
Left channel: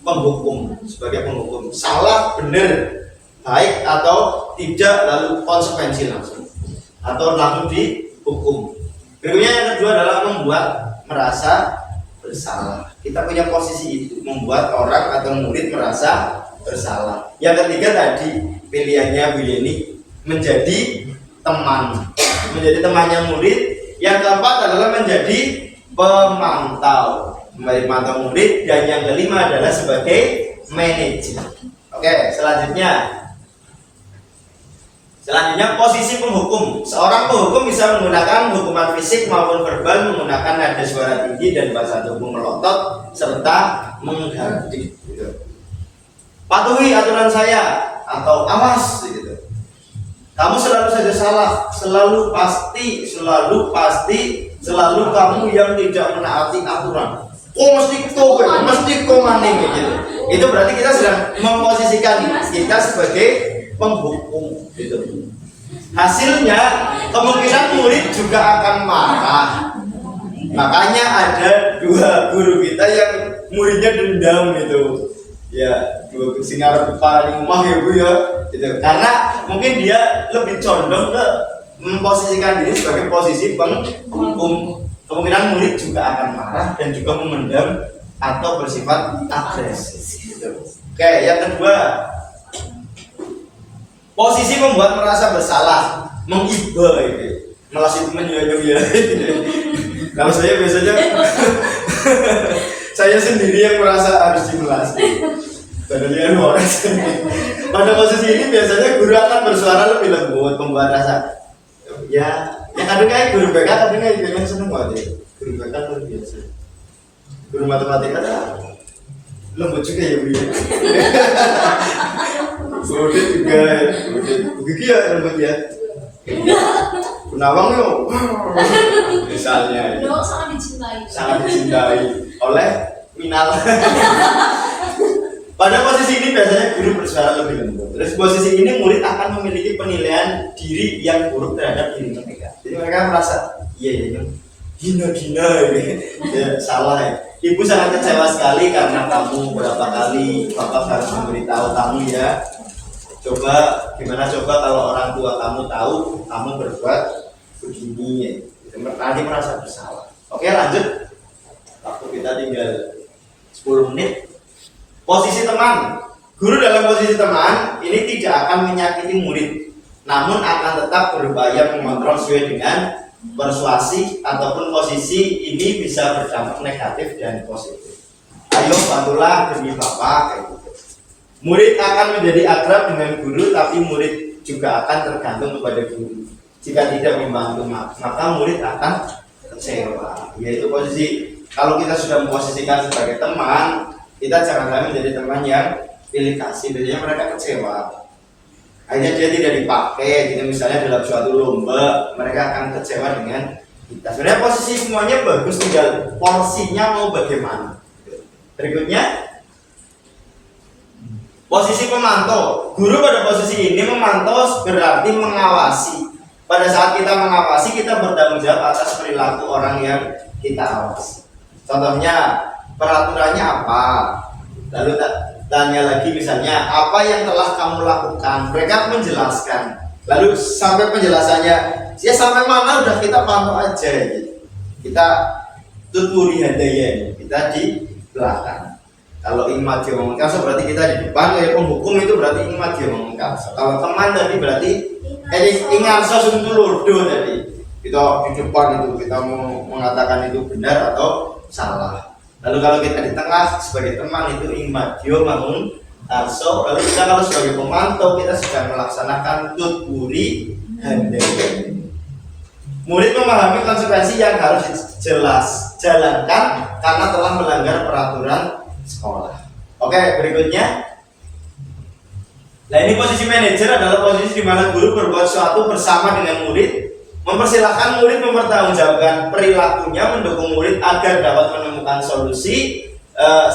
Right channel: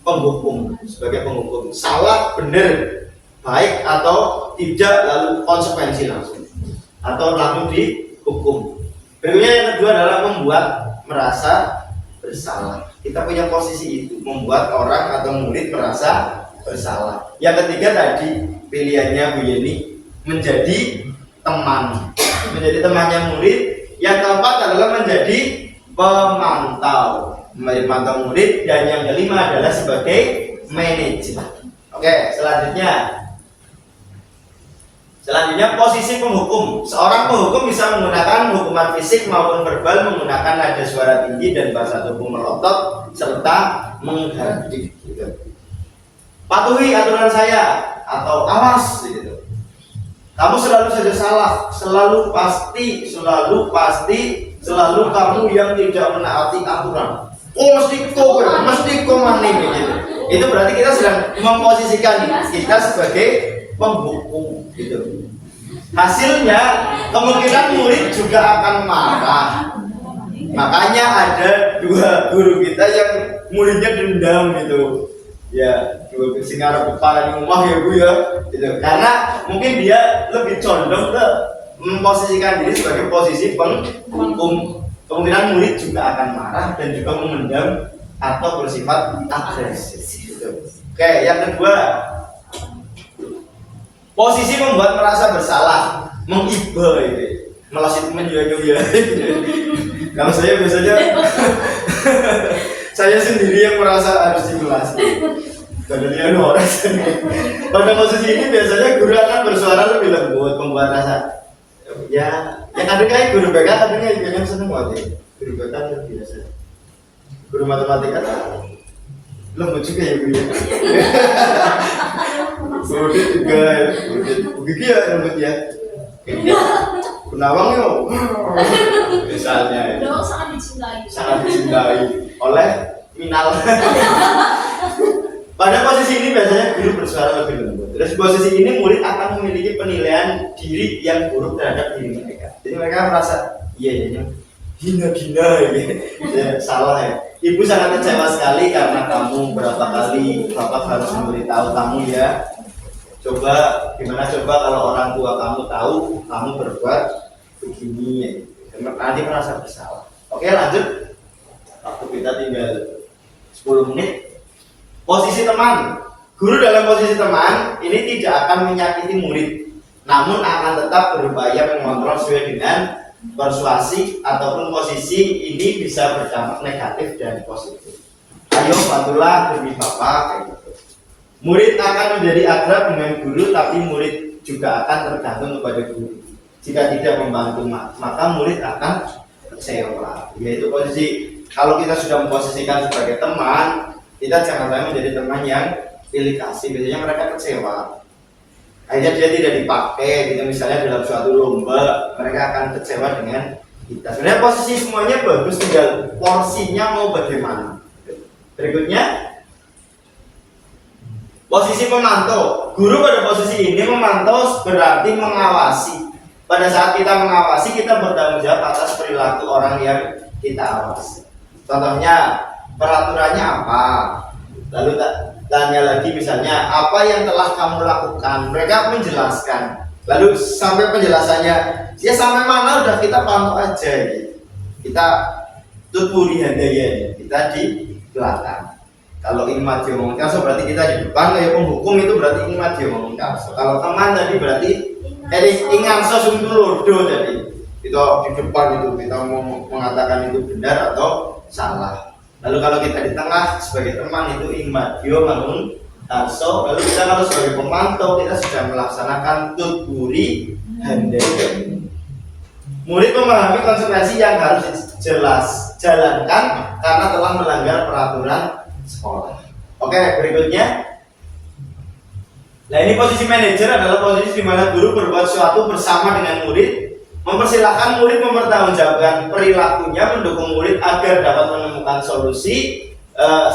penghukum, sebagai penghukum. Salah, benar, baik atau tidak, lalu konsekuensi langsung atau langsung dihukum. Berikutnya yang kedua adalah membuat merasa bersalah. Kita punya posisi itu, membuat orang atau murid merasa bersalah. Yang ketiga tadi pilihannya Bu Yeni menjadi teman, menjadi temannya murid. Yang keempat adalah menjadi pemantau, memantau murid. Dan yang kelima adalah sebagai manajer. Oke, selanjutnya posisi penghukum. Seorang penghukum bisa menggunakan hukuman fisik maupun verbal, menggunakan nada suara tinggi dan bahasa tubuh melotot serta mengganti. Gitu. Patuhi aturan saya atau awas. Gitu. Kamu selalu saja salah, selalu pasti, selalu kamu yang tidak menaati aturan. Mesti mani gitu. Itu berarti kita sedang memposisikan kita sebagai penghukum gitu. Hasilnya kemungkinan murid juga akan marah. Makanya ada 2 guru kita yang muridnya dendam gitu. Ya, 2 singar kepala di rumah ya Bu ya. Gitu. Karena mungkin dia lebih condong ke memposisikan diri sebagai posisi penghukum. Kemungkinan murid juga akan marah dan juga memendam atau bersifat agresif gitu. Oke, yang kedua, posisi membuat merasa bersalah, mengiba gitu. Maksud menjual-jual. Kalau saya biasanya saya sendiri yang merasa harus dimelas. Padahal orang pada posisi ini biasanya guru akan bersuara lebih lembut, membuat rasa ya kadang kayak guru BK kadang kayak yang seneng banget ya. Guru BK luar biasa. Guru matematika lembut juga ya Bu ya. Guru juga ya. Begitu ya lembut ya. Penawang yo. Misalnya ya. Sangat dicintai oleh Minal. Pada posisi ini biasanya guru bersuara lebih lembut. Terus posisi ini murid akan memiliki penilaian diri yang buruk terhadap diri mereka. Jadi mereka merasa iya gina ya salah ya. Ibu sangat kecewa sekali karena kamu berapa kali bapak harus memberitahu kamu ya. Gimana coba kalau orang tua kamu tahu kamu berbuat begini ya. Tadi merasa bersalah. Oke, lanjut. Waktu kita tinggal 10 menit. Posisi teman. Guru dalam posisi teman ini tidak akan menyakiti murid, namun akan tetap berupaya mengontrol sesuai dengan persuasi, ataupun posisi ini bisa berdampak negatif dan positif. Ayo bantulah demi bapak kayak gitu. Murid akan menjadi akrab dengan guru, tapi murid juga akan tergantung kepada guru. Jika tidak membantu maka murid akan kecewa. Yaitu posisi kalau kita sudah memposisikan sebagai teman, kita jangan sampai menjadi teman yang pilih kasih. Biasanya mereka kecewa, akhirnya dia tidak dipakai gitu. Misalnya dalam suatu lomba mereka akan kecewa dengan kita. Sebenarnya posisi semuanya bagus, tinggal porsinya mau bagaimana. Berikutnya posisi pemantau. Guru pada posisi ini memantau berarti mengawasi. Pada saat kita mengawasi, kita bertanggung jawab atas perilaku orang yang kita awasi. Contohnya peraturannya apa, lalu tanya lagi misalnya apa yang telah kamu lakukan, mereka menjelaskan, lalu sampai penjelasannya ya sampai mana udah kita pantau aja gitu. Kita tuturi handaya, kita di belakang. Kalau imadio mengengkaso berarti kita di depan, ya penghukum itu berarti imadio mengengkaso. Kalau teman tadi berarti ingarso sungtulurdo tadi, kita di depan itu kita mau mengatakan itu benar atau salah. Lalu kalau kita di tengah sebagai teman itu imadio mangun arso. Lalu kita kalau sebagai pemantau kita sedang melaksanakan tuturi handaya. Murid memahami konsekuensi yang harus jalankan karena telah melanggar peraturan sekolah. Oke, berikutnya. Nah, ini posisi manajer adalah posisi di mana guru berbuat sesuatu bersama dengan murid, mempersilahkan murid mempertanggungjawabkan perilakunya, mendukung murid agar dapat menemukan solusi.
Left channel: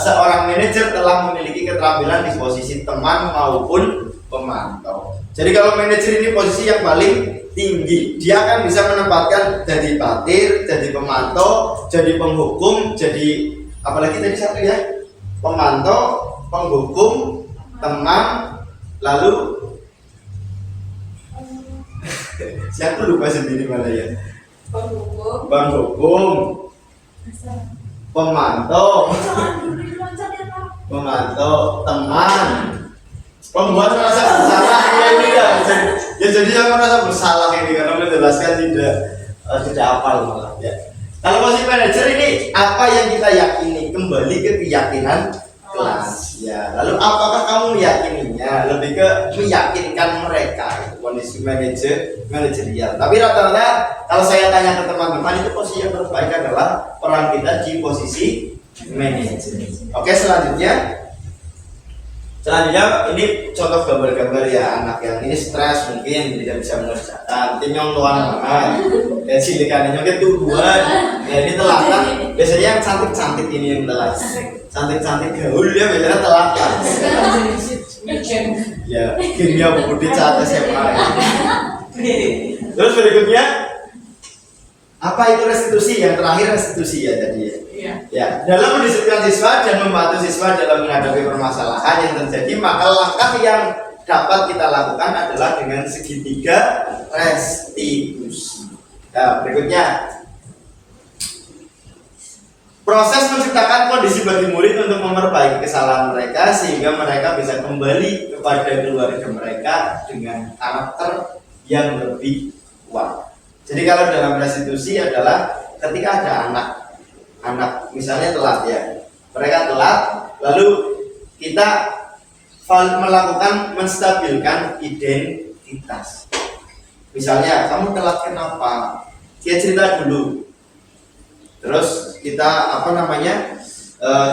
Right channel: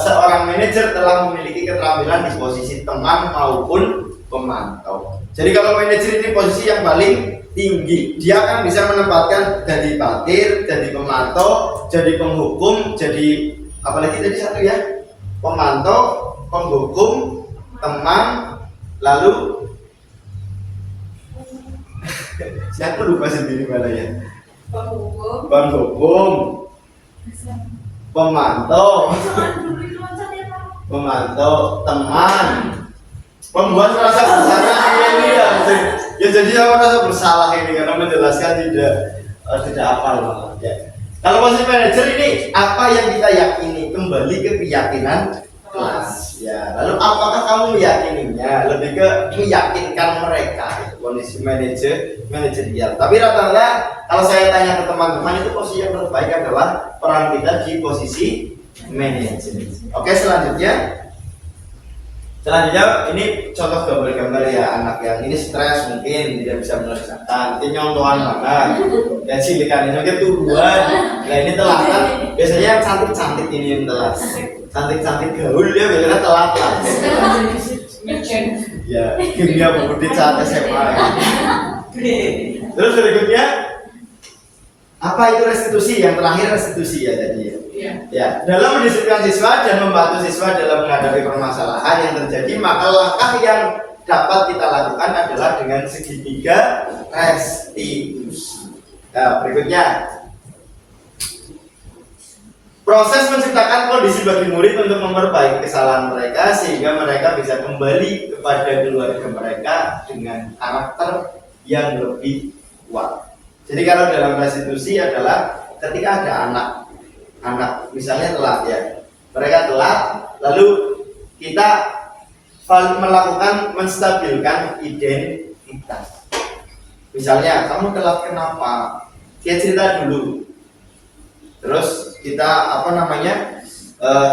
Seorang manajer telah memiliki keterampilan di posisi teman maupun pemantau. Jadi kalau manajer ini posisi yang paling tinggi, dia akan bisa menempatkan jadi batir, jadi pemantau, jadi penghukum, jadi apalagi tadi satu ya, pemantau, penghukum, teman, lalu siapa lupa sendiri malah ya, penghukum, pemantau, Jangan dulu loncat ya Pak. memantau, teman, pembuat merasa bersalah ini kan. Ya jadi yang merasa bersalah ini karena menjelaskan tidak apa malah ya. Kalau posisi manajer ini apa yang kita yakini, kembali ke keyakinan kelas ya. Lalu apakah kamu meyakininya, lebih ke meyakinkan mereka, kondisi manajerial. Tapi rata-rata kalau saya tanya ke teman-teman itu posisi yang terbaik adalah peran kita di posisi manajer. Oke, selanjutnya ini contoh gambar-gambar ya, anak yang ini stres mungkin tidak bisa mengerjakan, ini nyontohan banget, ya cilikan mungkin tuduhan, ya ini telatan. Biasanya yang cantik-cantik ini yang telat, cantik-cantik gaul ya biasanya telat lah. Ya, kimia budi cantik SMA. Terus berikutnya apa itu restitusi? Yang terakhir restitusi ya tadi ya. Ya, dalam mendisiplinkan siswa dan membantu siswa dalam menghadapi permasalahan yang terjadi, maka langkah yang dapat kita lakukan adalah dengan segitiga restitusi. Nah, berikutnya proses menciptakan kondisi bagi murid untuk memperbaiki kesalahan mereka sehingga mereka bisa kembali kepada keluarga mereka dengan karakter yang lebih kuat. Jadi kalau dalam restitusi adalah ketika ada anak misalnya telat ya, mereka telat, lalu kita melakukan menstabilkan identitas. Misalnya kamu telat kenapa? Dia cerita dulu. Terus kita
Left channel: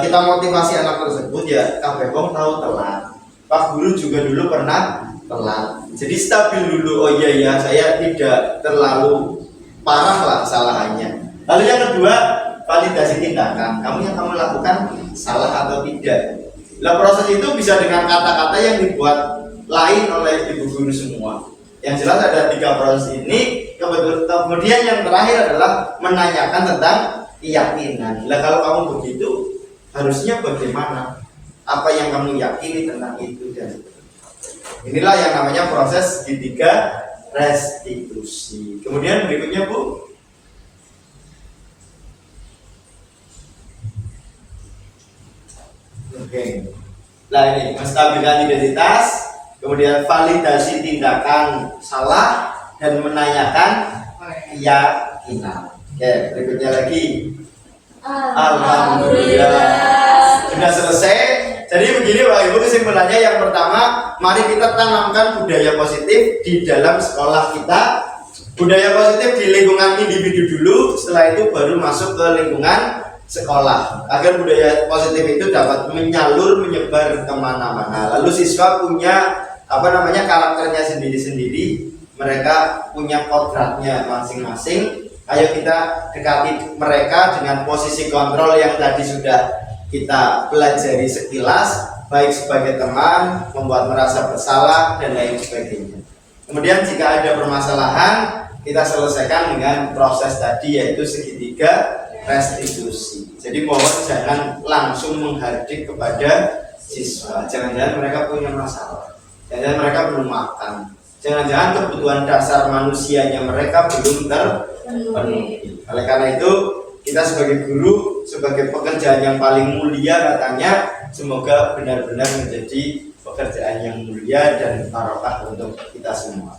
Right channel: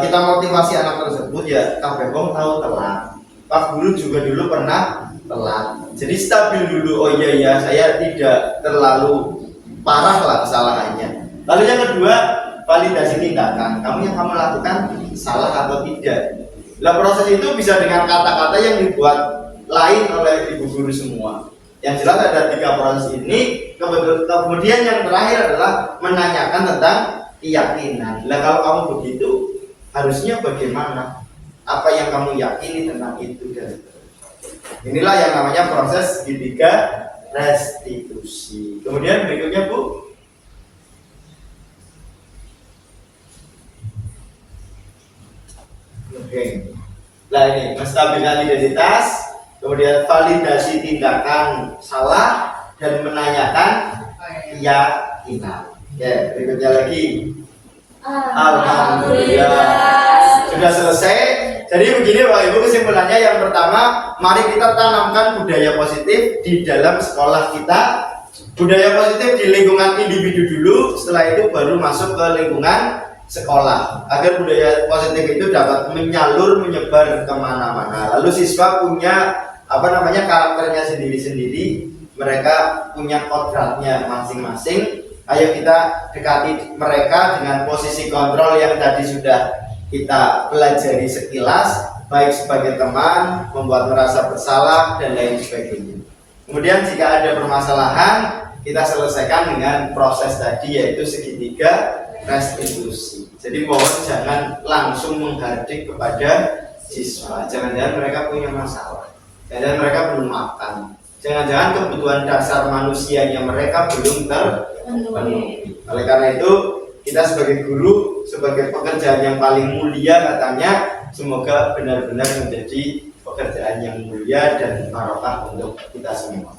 kita motivasi anak tersebut ya, kabeh wong tahu telat. Pak guru juga dulu pernah telat. Jadi stabil dulu. Oh iya saya tidak terlalu parah lah kesalahannya. Lalu yang kedua, validasi tindakan. Kamu lakukan salah atau tidak. Nah, proses itu bisa dengan kata-kata yang dibuat lain oleh ibu guru semua. Yang jelas ada 3 proses ini. Kemudian yang terakhir adalah menanyakan tentang keyakinan. Nah, kalau kamu begitu, harusnya bagaimana? Apa yang kamu yakini tentang itu? Dan inilah yang namanya proses segitiga restitusi. Kemudian berikutnya Bu. Oke. Nah ini menstabilkan identitas, kemudian validasi tindakan salah dan menanyakan keyakinan. Oke, berikutnya lagi. Alhamdulillah. Sudah selesai. Jadi begini Bapak Ibu, kesimpulannya yang pertama, mari kita tanamkan budaya positif di dalam sekolah kita. Budaya positif di lingkungan individu dulu, setelah itu baru masuk ke lingkungan sekolah. Agar budaya positif itu dapat menyebar kemana-mana. Lalu siswa punya karakternya sendiri-sendiri, mereka punya kodratnya masing-masing. Ayo kita dekati mereka dengan posisi kontrol yang tadi sudah kita pelajari sekilas, baik sebagai teman, membuat merasa bersalah dan lain sebagainya. Kemudian jika ada permasalahan, kita selesaikan dengan proses tadi, yaitu segitiga restitusi. Jadi mohon jangan langsung menghardik kepada siswa. Jangan-jangan mereka punya masalah, jangan-jangan mereka belum makan, jangan-jangan kebutuhan dasar manusianya mereka belum terpenuhi. Oleh karena itu, kita sebagai guru, sebagai pekerjaan yang paling mulia katanya, semoga benar-benar menjadi pekerjaan yang mulia dan barokah untuk kita semua.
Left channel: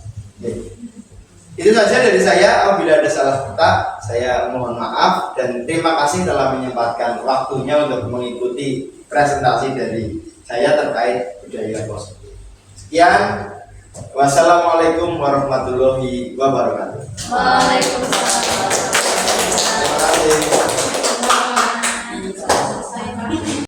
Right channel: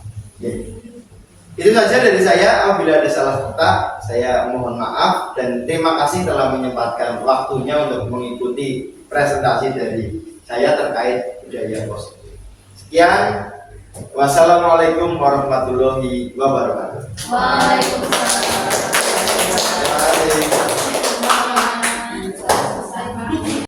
Itu saja dari saya. Apabila ada salah kata, saya mohon maaf dan terima kasih telah menyempatkan waktunya untuk mengikuti presentasi dari saya terkait budaya positif. Sekian, wassalamualaikum warahmatullahi wabarakatuh. Waalaikumsalam. Terima kasih.